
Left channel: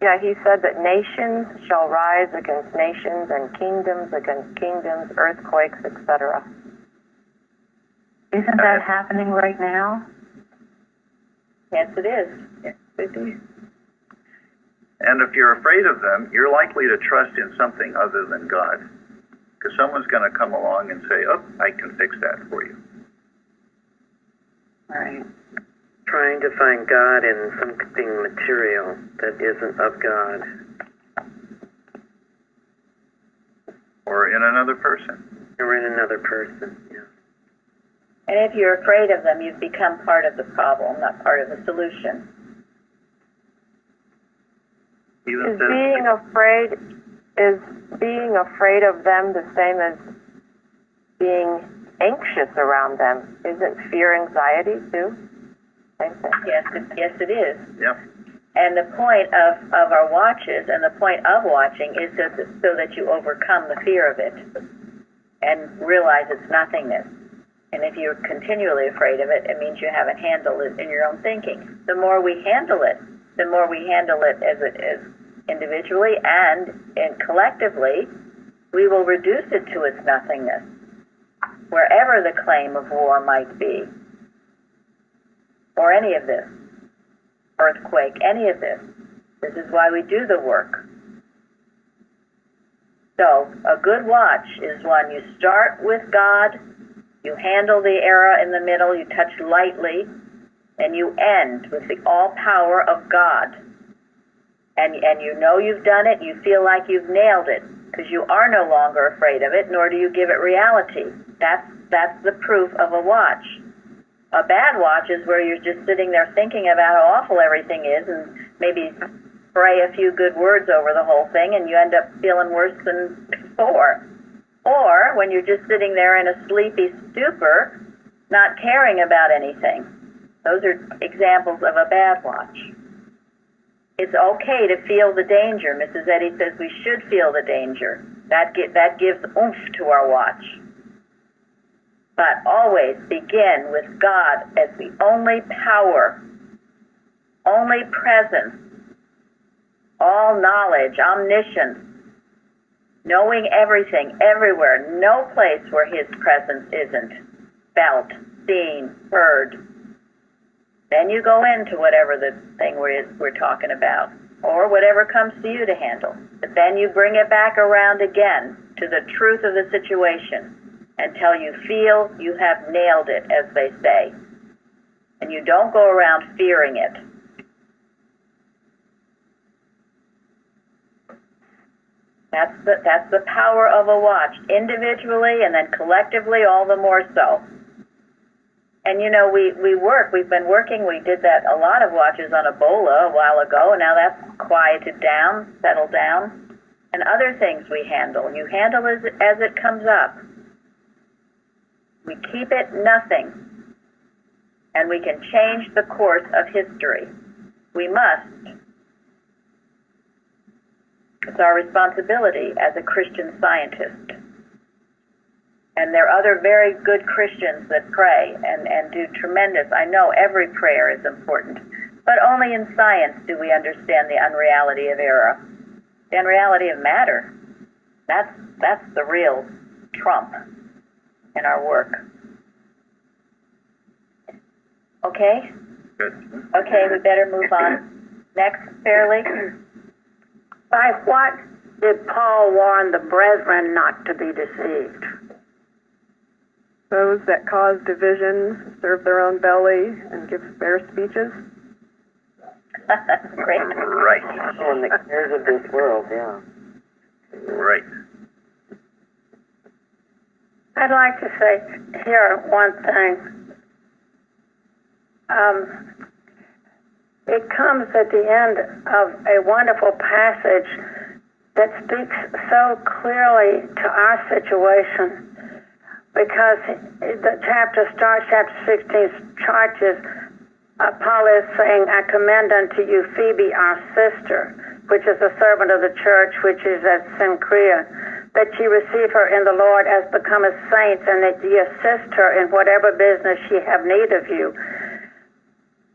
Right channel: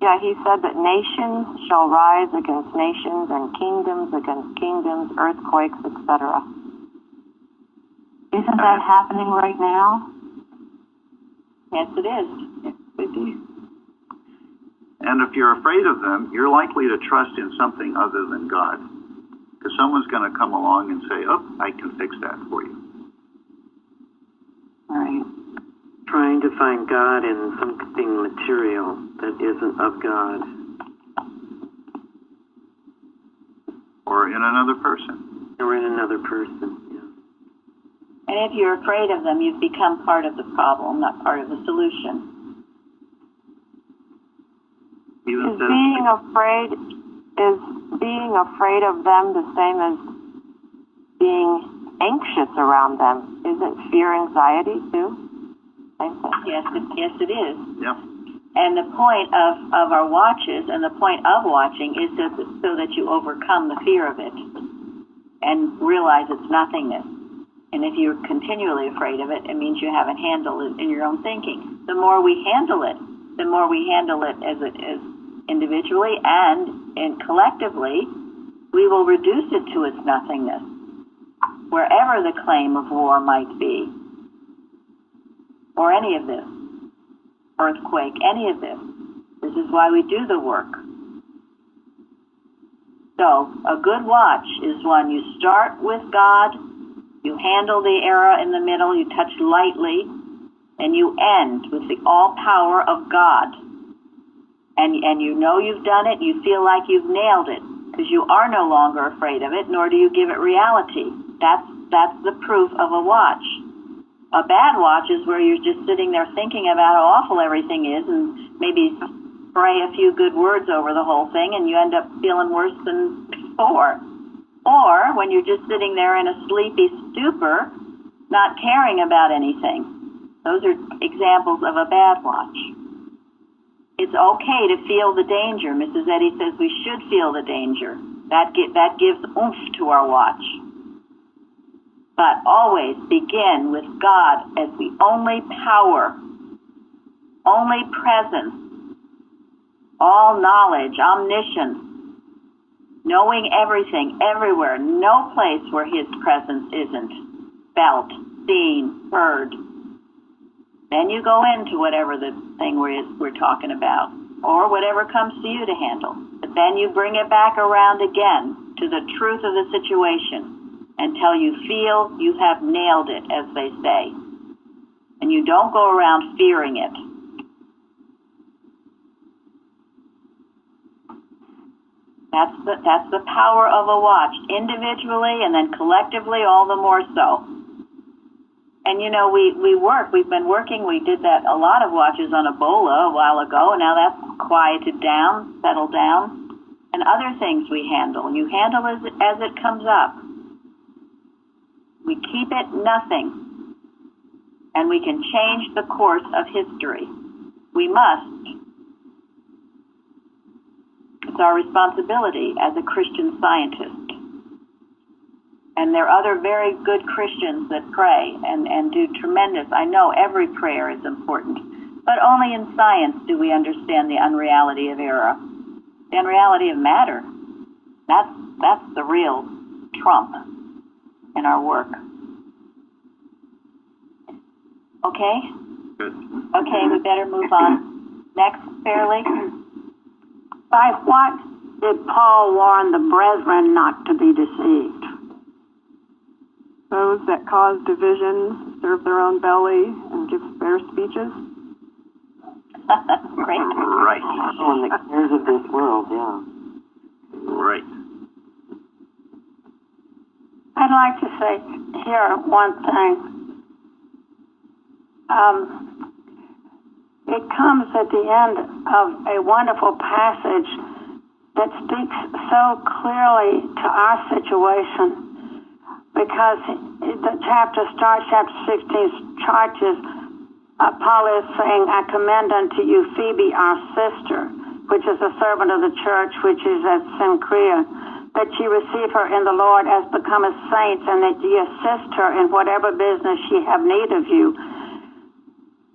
Yeah, he said that nations shall rise against nations and kingdoms against kingdoms, earthquakes, etc. Isn't that happening right now? Yes, it is. Yes, it is. And if you're afraid of them, you're likely to trust in something other than God. Because someone's going to come along and say, oh, I can fix that for you. Right. Trying to find God in something material that isn't of God. Or in another person. Or in another person, yeah. And if you're afraid of them, you've become part of the problem, not part of the solution. Is being afraid of them the same as being anxious around them? Isn't fear anxiety too? Same thing. Yes, it is. Yep. And the point of our watches and the point of watching is so that you overcome the fear of it and realize it's nothingness. And if you're continually afraid of it, it means you haven't handled it in your own thinking. The more we handle it as individually and collectively, we will reduce it to its nothingness, wherever the claim of war might be, or any of this, earthquake, any of this. This is why we do the work. So, a good watch is one you start with God, you handle the era in the middle, you touch lightly, and you end with the all power of God. And you know you've done it, you feel like you've nailed it, because you are no longer afraid of it, nor do you give it reality. That's the proof of a watch. A bad watch is where you're just sitting there thinking about how awful everything is and maybe spray a few good words over the whole thing and you end up feeling worse than before. Or when you're just sitting there in a sleepy stupor, not caring about anything. Those are examples of a bad watch. It's okay to feel the danger. Mrs. Eddy says we should feel the danger. That gives oomph to our watch. But always begin with God as the only power, only presence, all knowledge, omniscience, knowing everything, everywhere, no place where His presence isn't felt, seen, heard. Then you go into whatever the thing we're talking about, or whatever comes to you to handle. But then you bring it back around again to the truth of the situation until you feel you have nailed it, as they say. And you don't go around fearing it. That's the power of a watch, individually and then collectively all the more so. And you know, we've been working, we did that, a lot of watches on Ebola a while ago, and now that's quieted down, settled down. And other things we handle. You handle as it comes up. We keep it nothing. And we can change the course of history. We must. It's our responsibility as a Christian scientist. And there are other very good Christians that pray and do tremendous. I know every prayer is important, but only in science do we understand the unreality of error, the unreality of matter. That's the real trump in our work. Okay? Good. Okay, we better move on. Next, Fairley. By what did Paul warn the brethren not to be deceived? Those that cause division, serve their own belly, and give fair speeches. Great. Right. And the cares of this world, yeah. Right. I'd like to say here one thing. It comes at the end of a wonderful passage that speaks so clearly to our situation, because the chapter 16 charges, Paul is saying, I commend unto you Phoebe, our sister, which is a servant of the church, which is at Cenchrea, that ye receive her in the Lord as becometh saints, and that ye assist her in whatever business she have need of you.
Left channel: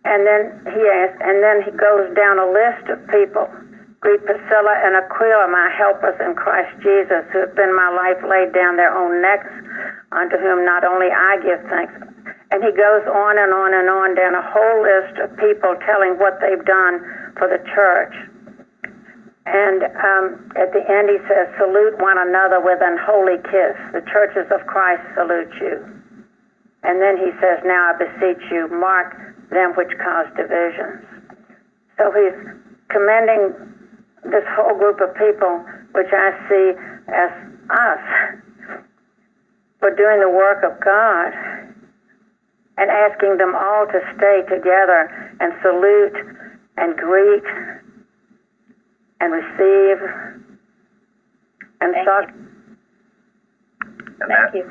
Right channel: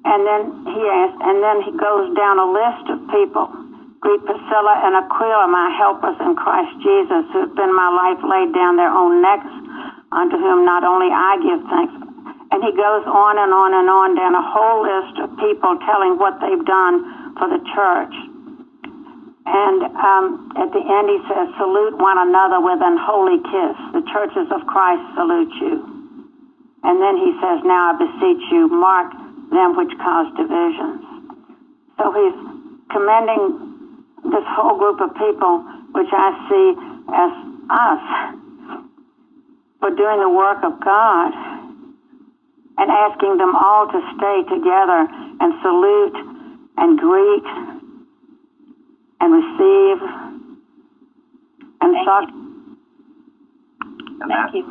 And then he goes down a list of people. Greet Priscilla and Aquila, my helpers in Christ Jesus, who have been my life laid down their own necks, unto whom not only I give thanks. And he goes on and on and on down a whole list of people telling what they've done for the church. And at the end he says, salute one another with an holy kiss. The churches of Christ salute you. And then he says, now I beseech you, mark them which cause divisions. So he's commending this whole group of people, which I see as us, for doing the work of God, and asking them all to stay together and salute and greet and receive and talk. Thank you.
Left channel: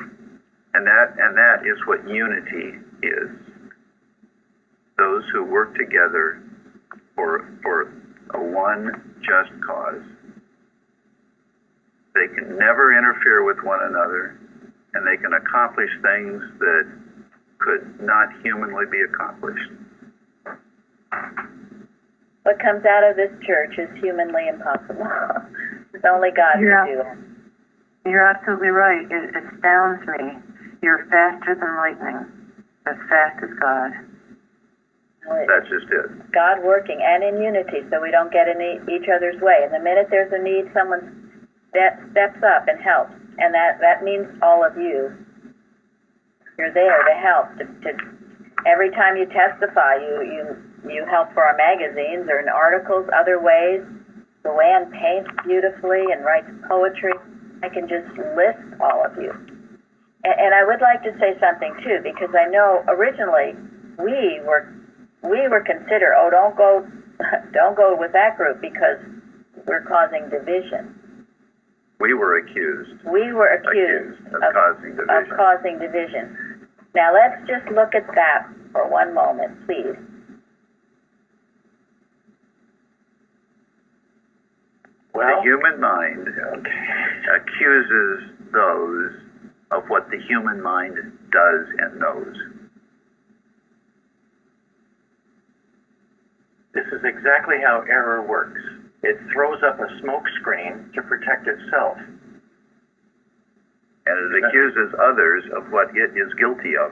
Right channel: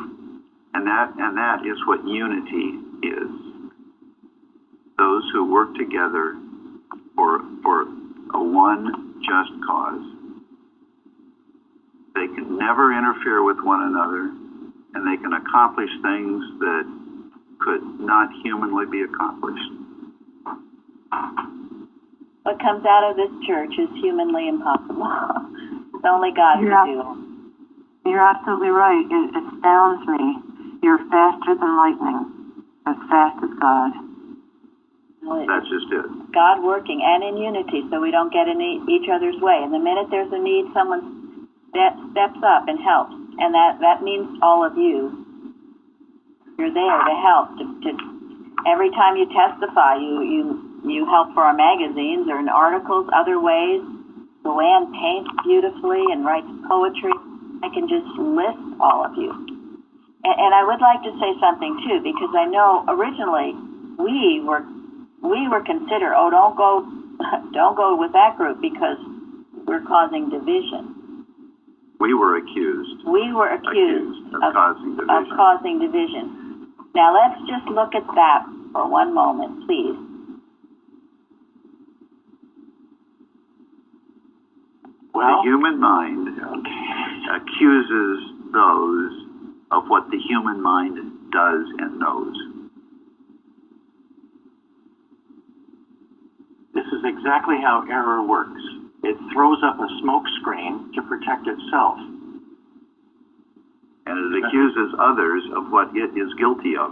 And that is what unity is. Those who work together for a one just cause. They can never interfere with one another, and they can accomplish things that could not humanly be accomplished. What comes out of this church is humanly impossible. It's only God can do it. You're absolutely right. It astounds me. You're faster than lightning, as fast as God. That's just it. God working and in unity, so we don't get in each other's way. And the minute there's a need, someone steps up and helps. And that means all of you. You're there to help. To every time you testify, you help for our magazines or in articles, other ways. Luann paints beautifully and writes poetry. I can just list all of you. And I would like to say something too, because I know originally we were considered, oh, don't go with that group because we're causing division. We were accused. We were accused of causing division. Of causing division. Now let's just look at that for one moment, please. Well, the human mind accuses those of what the human mind does and knows. This is exactly how error works. It throws up a smoke screen to protect itself. And it accuses others of what it is guilty of.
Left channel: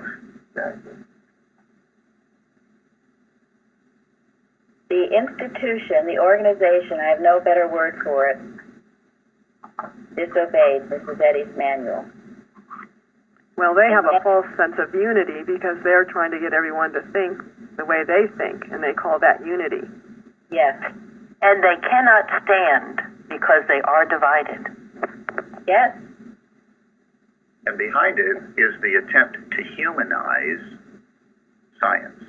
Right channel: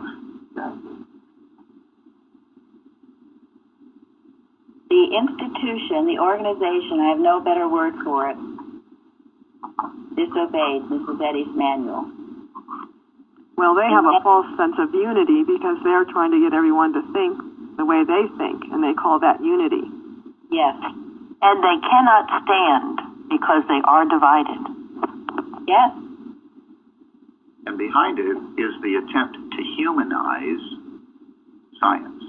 The institution, the organization, I have no better word for it, disobeyed Mrs. Eddy's manual. Well, they have a false sense of unity because they're trying to get everyone to think the way they think, and they call that unity. Yes. And they cannot stand because they are divided. Yes. And behind it is the attempt to humanize science,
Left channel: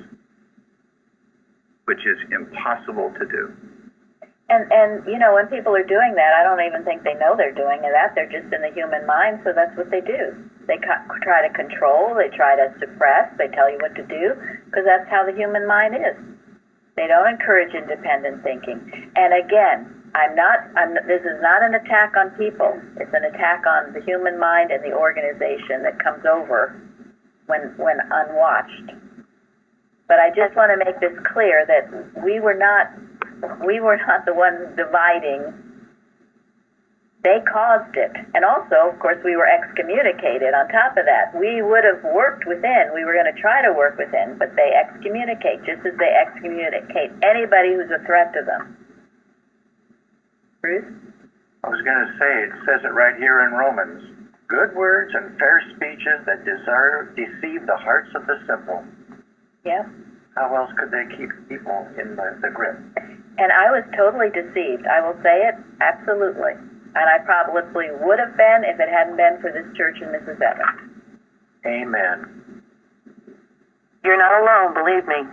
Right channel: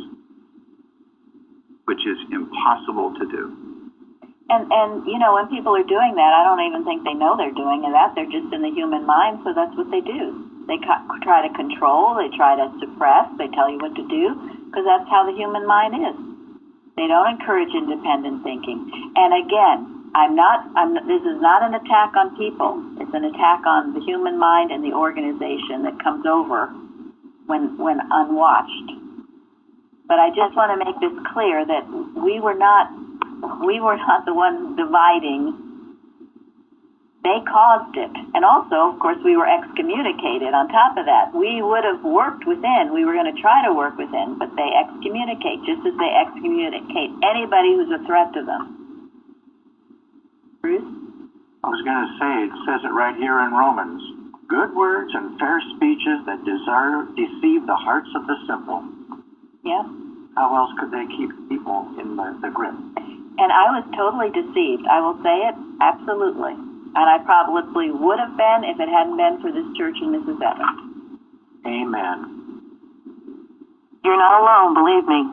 which is impossible to do. And you know, when people are doing that, I don't even think they know they're doing that. They're just in the human mind, so that's what they do. They try to control, they try to suppress, they tell you what to do, because that's how the human mind is. They don't encourage independent thinking. And again, this is not an attack on people. It's an attack on the human mind and the organization that comes over when unwatched. But I just want to make this clear that we were not the ones dividing. They caused it. And also, of course, we were excommunicated on top of that. We would have worked within. We were going to try to work within, but they excommunicate, just as they excommunicate anybody who's a threat to them. Bruce? I was going to say, it says it right here in Romans. Good words and fair speeches that deceive the hearts of the simple. Yeah. How else could they keep people in the grip? And I was totally deceived. I will say it, absolutely. And I probably would have been if it hadn't been for this church and Mrs. Evans. Amen. You're not alone, believe me.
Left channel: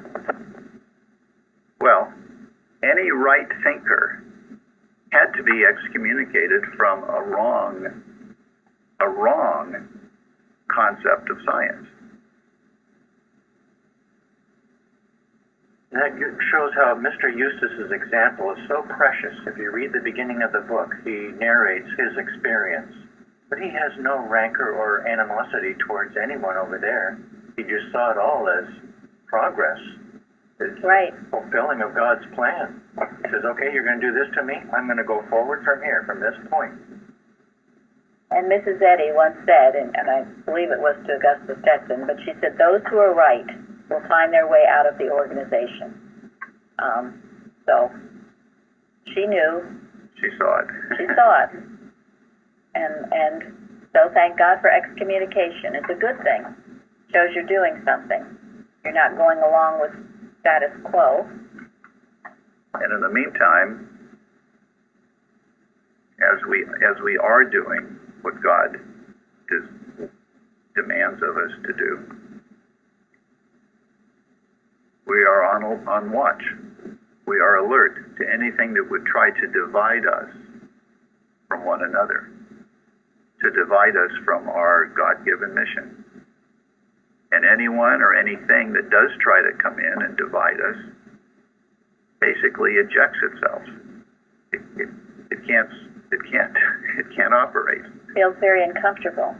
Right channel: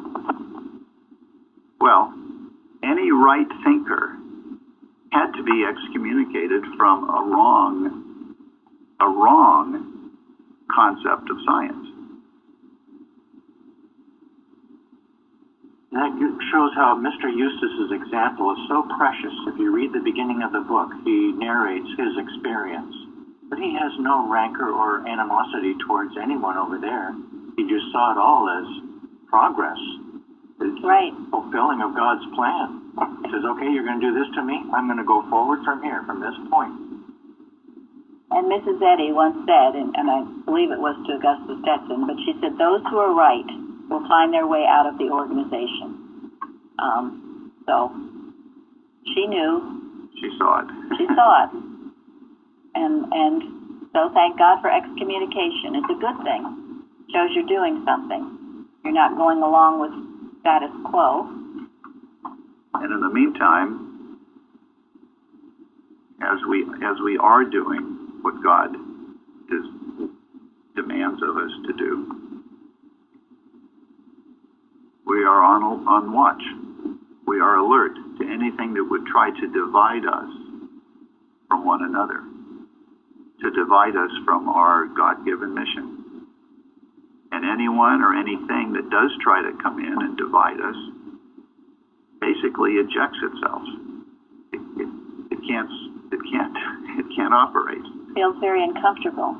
Well, any right thinker had to be excommunicated from a wrong concept of science. That shows how Mr. Eustace's example is so precious. If you read the beginning of the book, he narrates his experience. But he has no rancor or animosity towards anyone over there. He just saw it all as progress. It's right. Fulfilling of God's plan. He says, okay, you're going to do this to me. I'm going to go forward from here, from this point. And Mrs. Eddy once said, and I believe it was to Augusta Stetson, but she said, those who are right will find their way out of the organization. So she knew. She saw it. She saw it. And so thank God for excommunication. It's a good thing. Shows you're doing something. You're not going along with status quo. And in the meantime, as we are doing what God demands of us to do, we are on watch. We are alert to anything that would try to divide us from one another, to divide us from our God-given mission. And anyone or anything that does try to come in and divide us basically ejects itself. It can't operate. Feels very uncomfortable.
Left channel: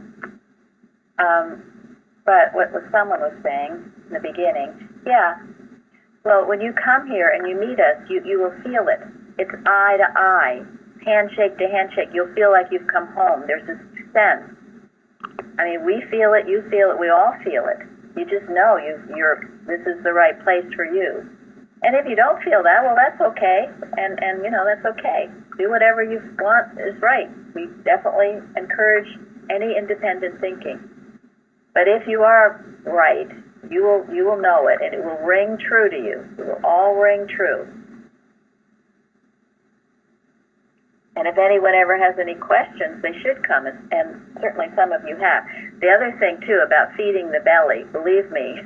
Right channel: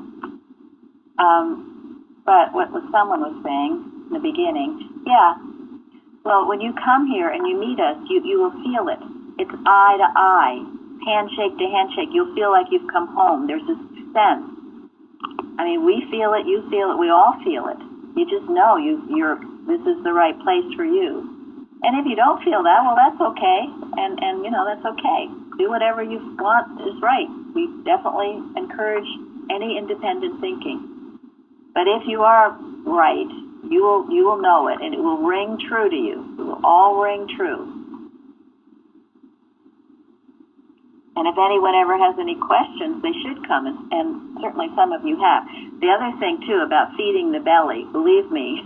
But what someone was saying in the beginning, yeah. Well, when you come here and you meet us, you will feel it. It's eye to eye, handshake to handshake. You'll feel like you've come home. There's this sense. I mean, we feel it, you feel it, we all feel it. You just know this is the right place for you. And if you don't feel that, well, that's okay. And that's okay. Do whatever you want is right. We definitely encourage any independent thinking. But if you are right, you will know it, and it will ring true to you. It will all ring true. And if anyone ever has any questions, they should come, and certainly some of you have. The other thing, too, about feeding the belly, believe me,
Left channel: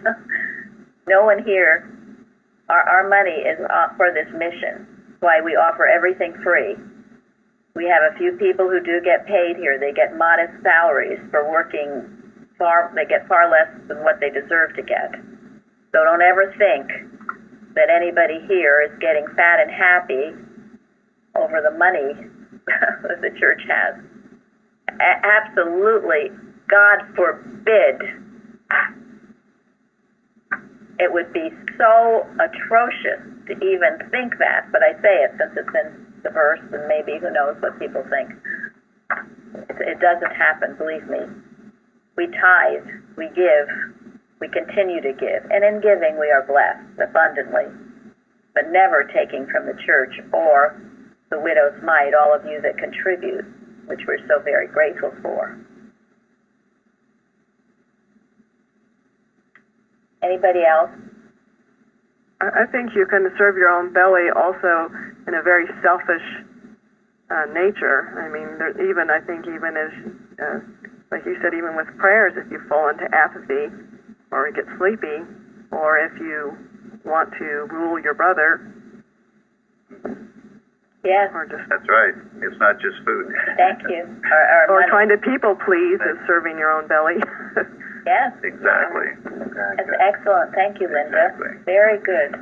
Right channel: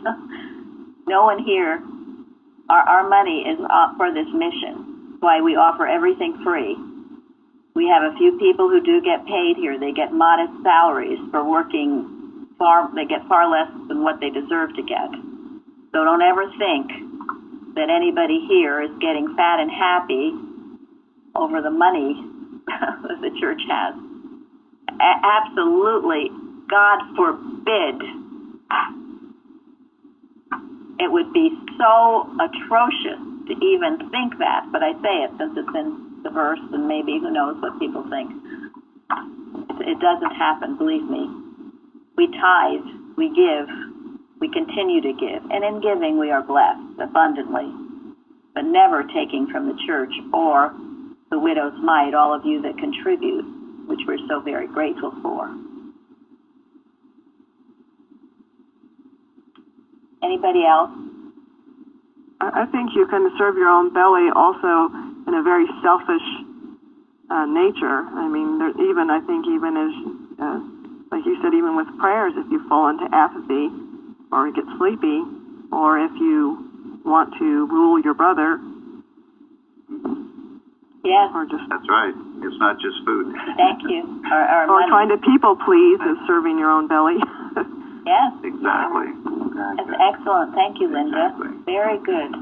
no one here, our money is for this mission. That's why we offer everything free. We have a few people who do get paid here. They get modest salaries for working they get far less than what they deserve to get. So don't ever think that anybody here is getting fat and happy over the money that the church has. Absolutely, God forbid. It would be so atrocious to even think that, but I say it since it's in the verse, and maybe who knows what people think. It doesn't happen, believe me. We tithe, we give, we continue to give, and in giving we are blessed abundantly, but never taking from the church or the widow's mite, all of you that contribute, which we're so very grateful for. Anybody else? I think you can serve your own belly also in a very selfish nature. I mean, I think even as, like you said, even with prayers, if you fall into apathy or get sleepy, or if you want to rule your brother. Yes. That's right. It's not just food. Thank you. Or trying to people please is serving your own belly. Yes. Exactly. That's excellent. Thank you, Linda. Exactly. Very good.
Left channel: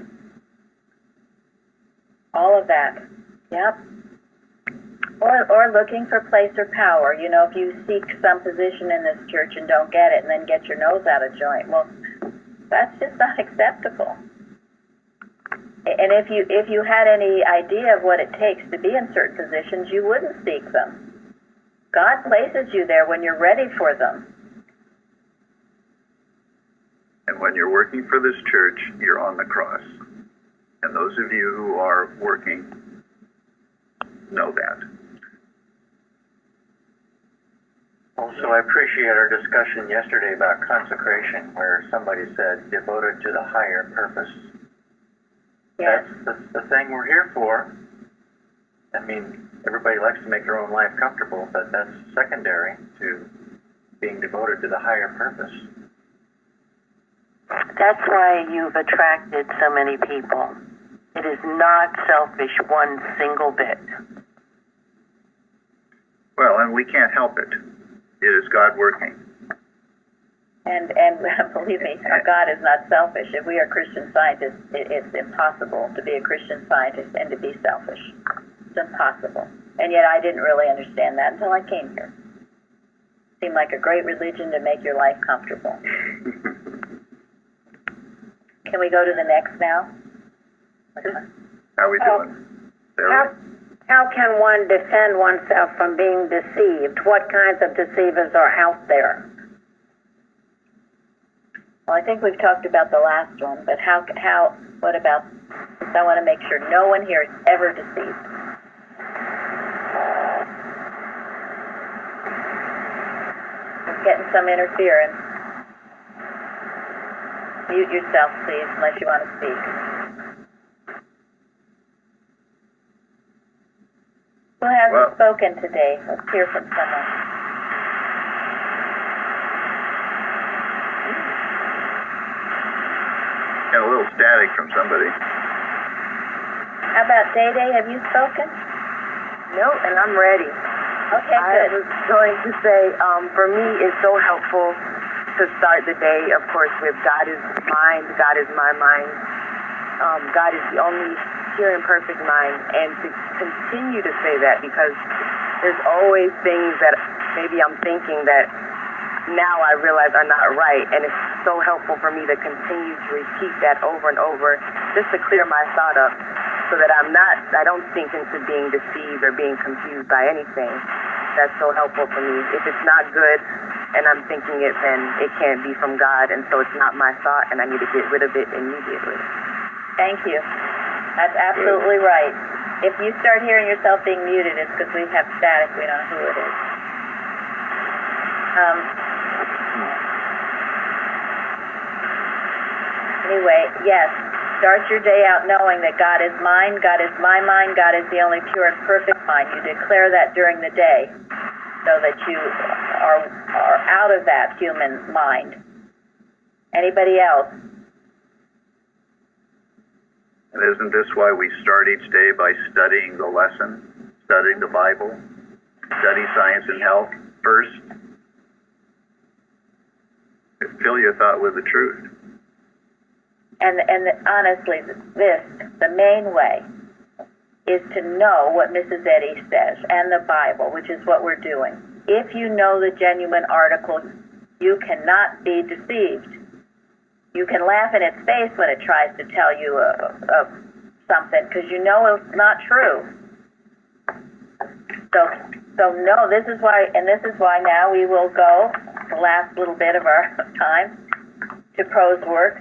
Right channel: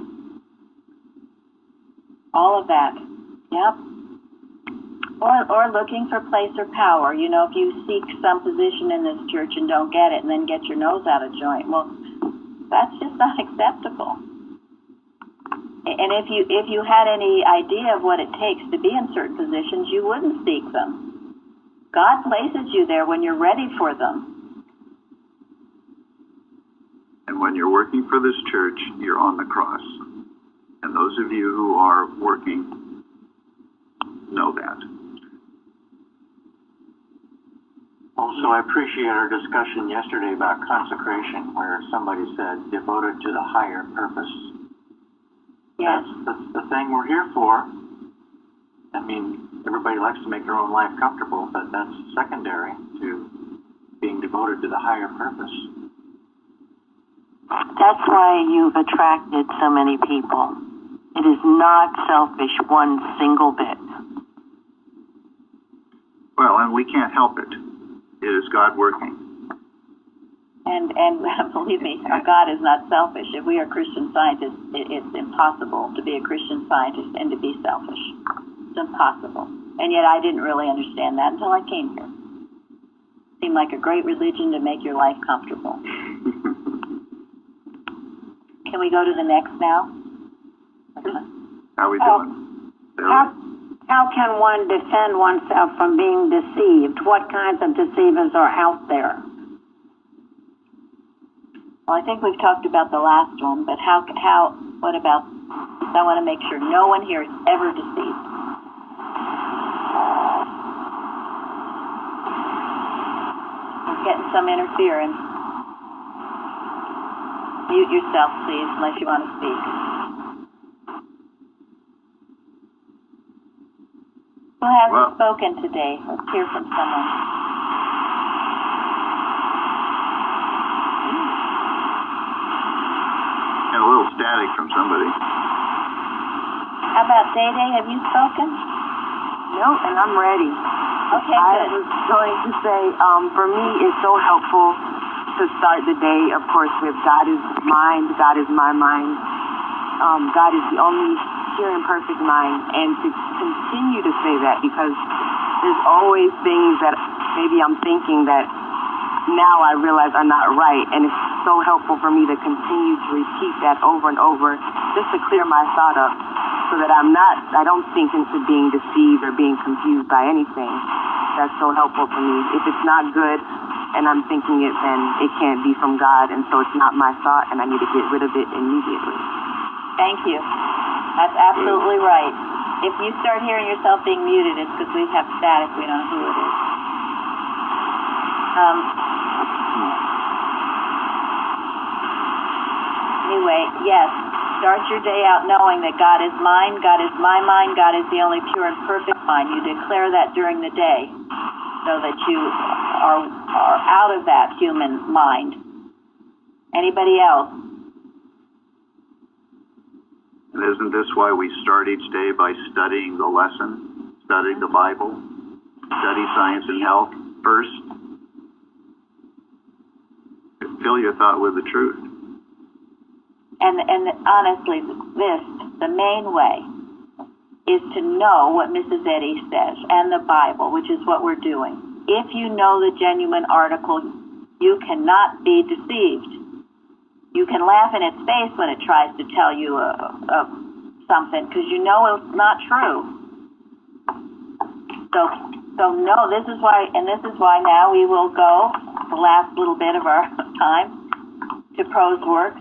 All of that. Yep. Or looking for place or power. You know, if you seek some position in this church and don't get it and then get your nose out of joint, well, that's just not acceptable. And if you had any idea of what it takes to be in certain positions, you wouldn't seek them. God places you there when you're ready for them. And when you're working for this church, you're on the cross. And those of you who are working know that. Also, I appreciate our discussion yesterday about consecration, where somebody said, devoted to the higher purpose. Yes. That's the thing we're here for. I mean, everybody likes to make their own life comfortable, but that's secondary to being devoted to the higher purpose. That's why you've attracted so many people. It is not selfish one single bit. Well, and we can't help it. It is God working. And believe me, our God is not selfish. If we are Christian scientists, it's impossible to be a Christian scientist and to be selfish. It's impossible. And yet I didn't really understand that until I came here. It seemed like a great religion to make your life comfortable. Can we go to the next now? How are we doing? How can one defend oneself from being deceived? What kinds of deceivers are out there? Well, I think we've talked about the last one, but what about, I want to make sure no one here is ever deceived. We're getting some interference. Mute yourself, please, unless you want to speak. Who hasn't spoken today? Let's hear from someone. Got a little static from somebody. How about Day Day? Have you spoken? No, and I'm ready. Okay, good. I was going to say, for me, it's so helpful to start the day, of course, with God is mind, God is my mind. God is the only pure and perfect mind, and to continue to say that, because there's always things that maybe I'm thinking that now I realize are not right, and it's so helpful for me to continue to repeat that over and over just to clear my thought up so that I don't sink into being deceived or being confused by anything. That's so helpful for me. If it's not good and I'm thinking it, then it can't be from God, and so it's not my thought, and I need to get rid of it immediately. Thank you. That's absolutely right. If you start hearing yourself being muted, it's because we have static. We don't know who it is. Anyway, yes, start your day out knowing that God is mine, God is my mind, God is the only pure and perfect mind. You declare that during the day so that you are out of that human mind. Anybody else? And isn't this why we start each day by studying the lesson, studying the Bible, study science and health first? Fill your thought with the truth. And honestly, the main way is to know what Mrs. Eddy says and the Bible, which is what we're doing. If you know the genuine article, you cannot be deceived. You can laugh in its face when it tries to tell you something, because you know it's not true. So no, this is why now we will go the last little bit of our time to prose works.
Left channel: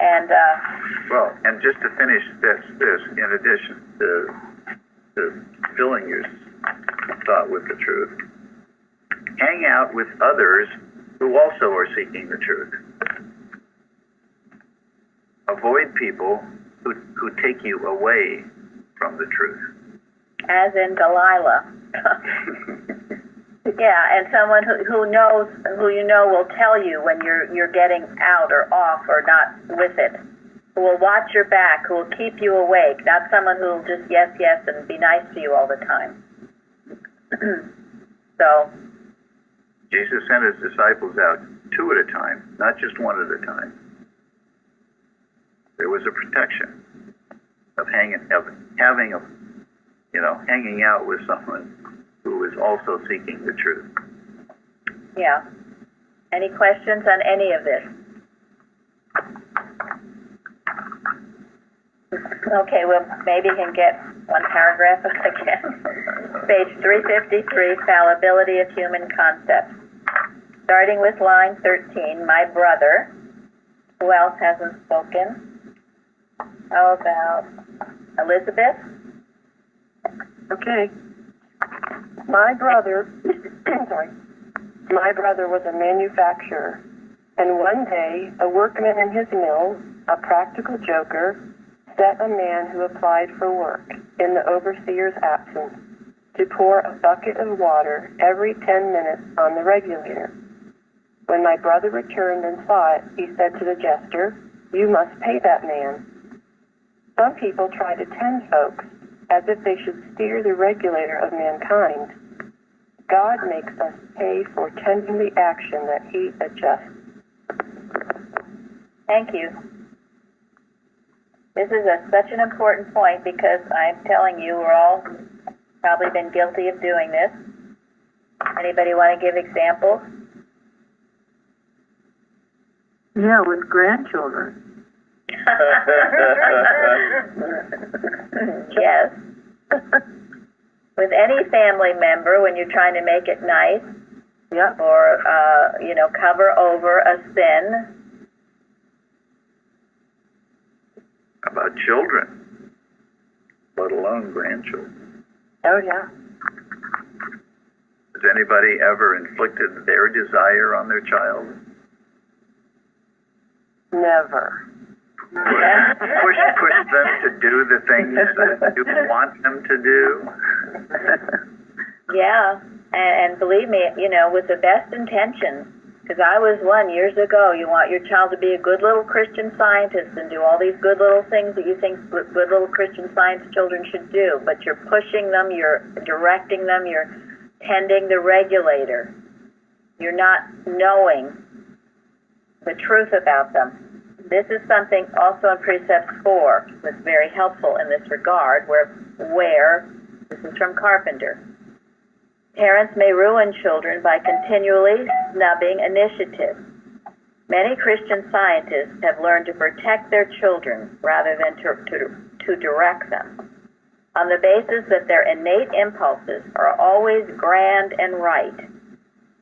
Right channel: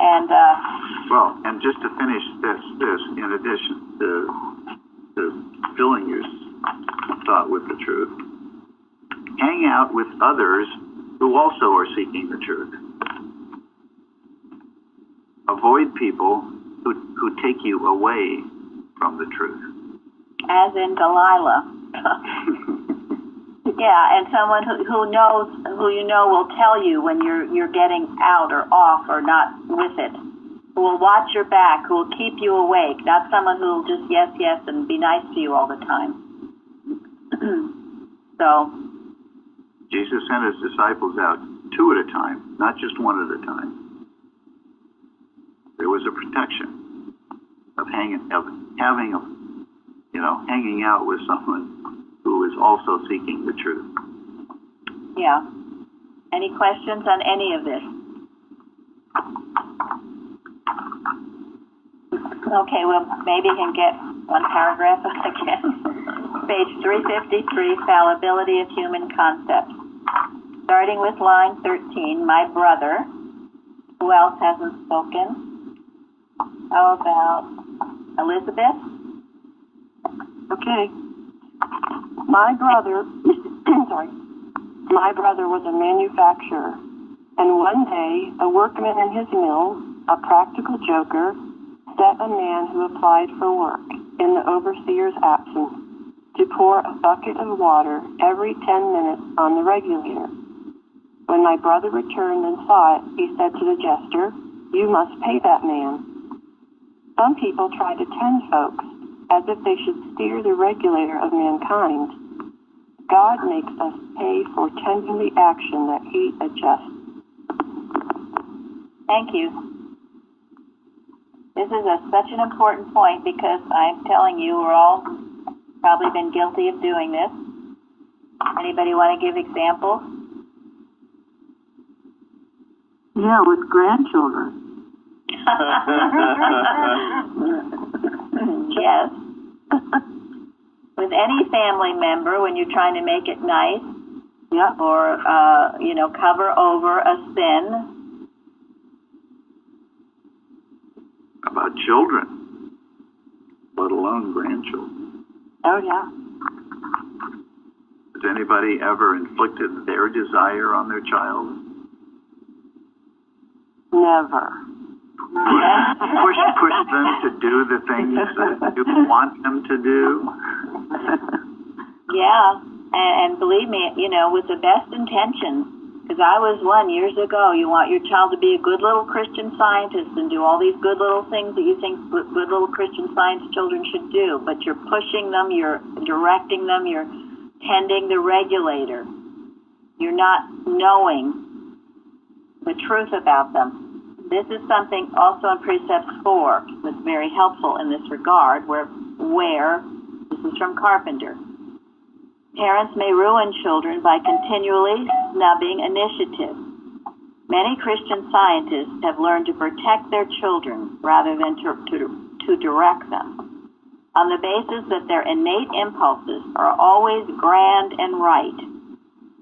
And well, and just to finish this in addition to filling your thought with the truth, hang out with others who also are seeking the truth. Avoid people who take you away from the truth. As in Delilah. Yeah, and someone who you know will tell you when you're getting out or off or not with it, who will watch your back, who will keep you awake, not someone who will just yes and be nice to you all the time. So Jesus sent his disciples out 2 at a time, not just 1 at a time. There was a protection of hanging out with someone who is also seeking the truth. Yeah. Any questions on any of this? Okay, well, maybe you can get one paragraph again. Page 353, Fallibility of Human Concepts. Starting with line 13, my brother. Who else hasn't spoken? How about Elizabeth? Okay. My brother, my brother was a manufacturer, and one day a workman in his mill, a practical joker, set a man who applied for work in the overseer's absence to pour a bucket of water every 10 minutes on the regulator. When my brother returned and saw it, he said to the jester, "You must pay that man." Some people try to tend folks as if they should steer the regulator of mankind. God makes us pay for tending the action that he adjusts. Thank you. This is such an important point because I'm telling you, we're all probably been guilty of doing this. Anybody want to give examples? Yeah, with grandchildren. Yes. With any family member, when you're trying to make it nice, yeah, or cover over a sin. About children, let alone grandchildren. Oh yeah. Has anybody ever inflicted their desire on their child? Never. Push them to do the things that you want them to do. Yeah, and believe me, with the best intentions, because I was one years ago. You want your child to be a good little Christian scientist and do all these good little things that you think good little Christian Science children should do, but you're pushing them, you're directing them, you're tending the regulator. You're not knowing the truth about them. This is something also in Precepts 4 that's very helpful in this regard, where this is from Carpenter, parents may ruin children by continually snubbing initiative. Many Christian scientists have learned to protect their children rather than to direct them, on the basis that their innate impulses are always grand and right,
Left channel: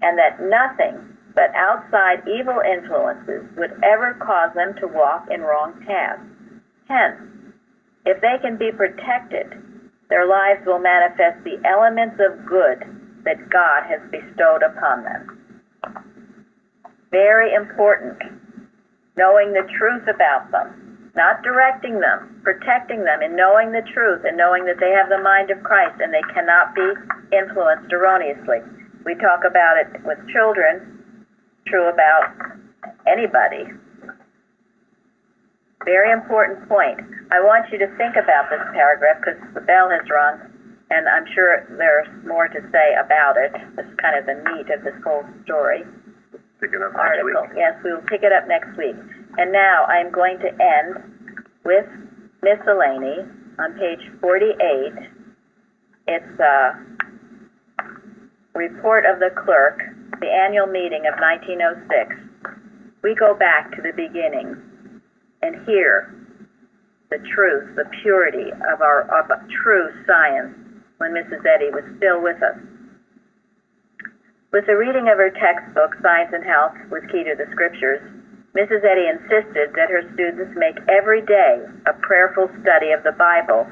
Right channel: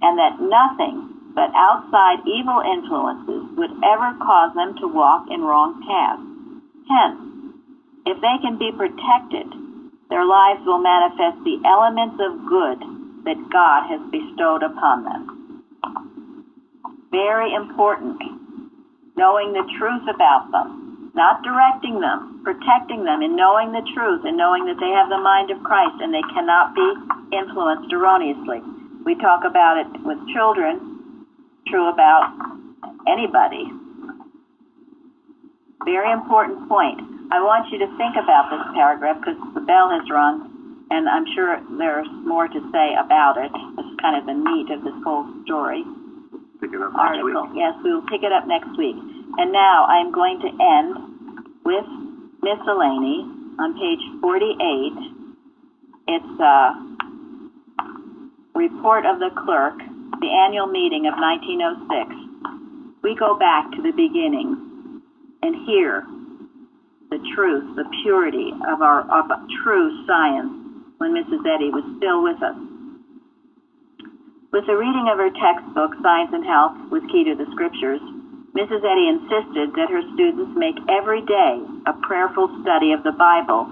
and that nothing but outside evil influences would ever cause them to walk in wrong paths. Hence, if they can be protected, their lives will manifest the elements of good that God has bestowed upon them. Very important knowing the truth about them, not directing them, protecting them in knowing the truth and knowing that they have the mind of Christ and they cannot be influenced erroneously. We talk about it with children, true about anybody. Very important point. I want you to think about this paragraph because the bell has rung, and I'm sure there's more to say about it. This is kind of the meat of this whole story. Pick it up Article. next week. Yes, we will pick it up next week. And now I am going to end with miscellany on page 48. It's a report of the clerk, the annual meeting of 1906. We go back to the beginning and hear the truth, the purity of true science when Mrs. Eddy was still with us. With the reading of her textbook, Science and Health with Key to the Scriptures, Mrs. Eddy insisted that her students make every day a prayerful study of the Bible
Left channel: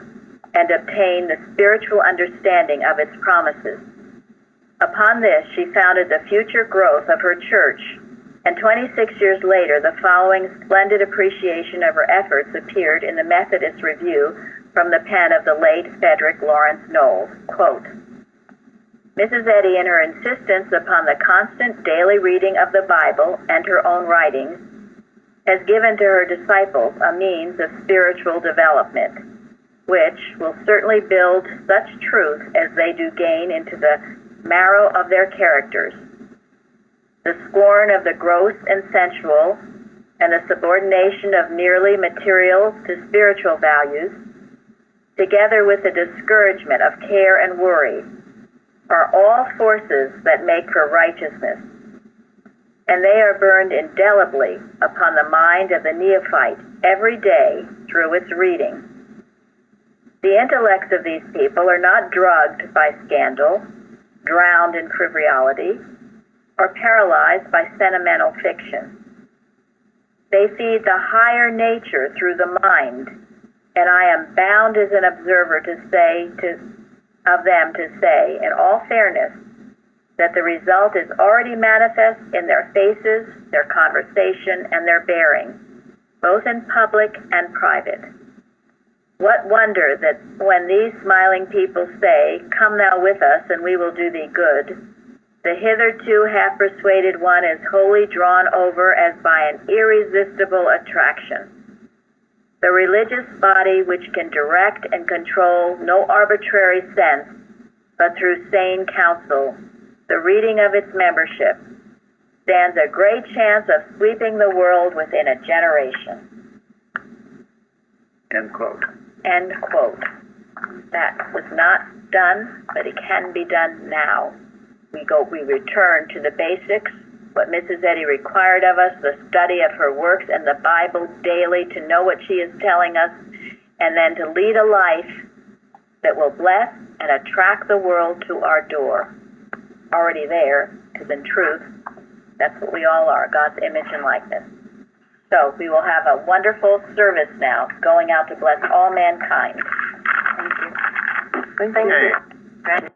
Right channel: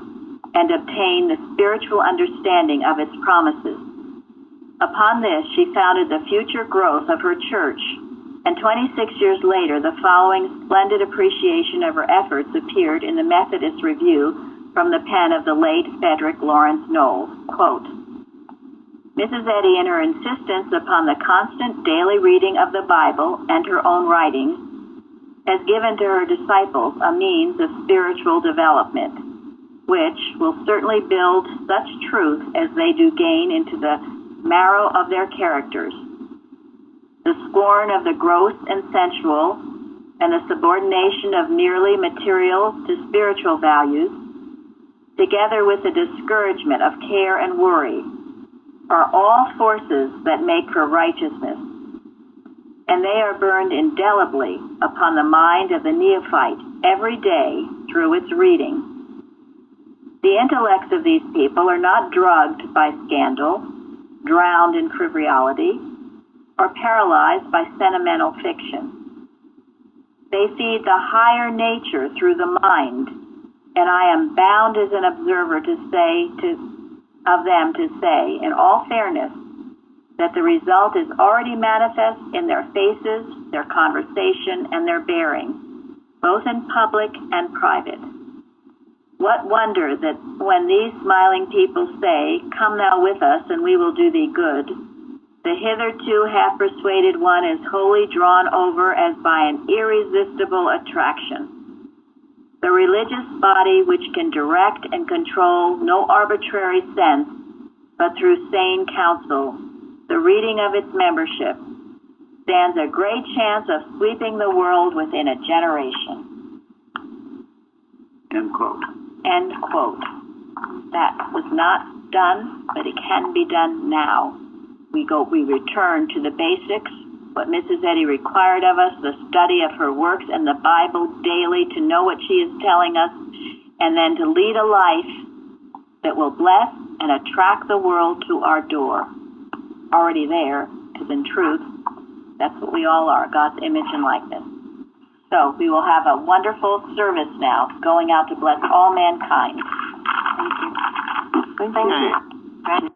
and obtain the spiritual understanding of its promises. Upon this, she founded the future growth of her church, and 26 years later, the following splendid appreciation of her efforts appeared in the Methodist Review from the pen of the late Frederick Lawrence Knowles. Quote, Mrs. Eddy, in her insistence upon the constant daily reading of the Bible and her own writings, has given to her disciples a means of spiritual development, which will certainly build such truth as they do gain into the marrow of their characters. The scorn of the gross and sensual, and the subordination of merely material to spiritual values, together with the discouragement of care and worry, are all forces that make for righteousness, and they are burned indelibly upon the mind of the neophyte every day through its reading. The intellects of these people are not drugged by scandal, drowned in frivolity, or paralyzed by sentimental fiction. They feed the higher nature through the mind, and I am bound as an observer to say in all fairness, that the result is already manifest in their faces, their conversation, and their bearing, both in public and private. What wonder that when these smiling people say, "Come thou with us, and we will do thee good," the hitherto half-persuaded one is wholly drawn over as by an irresistible attraction. The religious body which can direct and control no arbitrary sense, but through sane counsel, the reading of its membership, stands a great chance of sweeping the world within a generation. End quote. End quote. That was not done, but it can be done now. We return to the basics, what Mrs. Eddy required of us, the study of her works and the Bible daily to know what she is telling us, and then to lead a life that will bless and attract the world to our door. Already there, because in truth, that's what we all are, God's image and likeness. So we will have a wonderful service now, going out to bless all mankind. Thank you. Thank you. Thank you.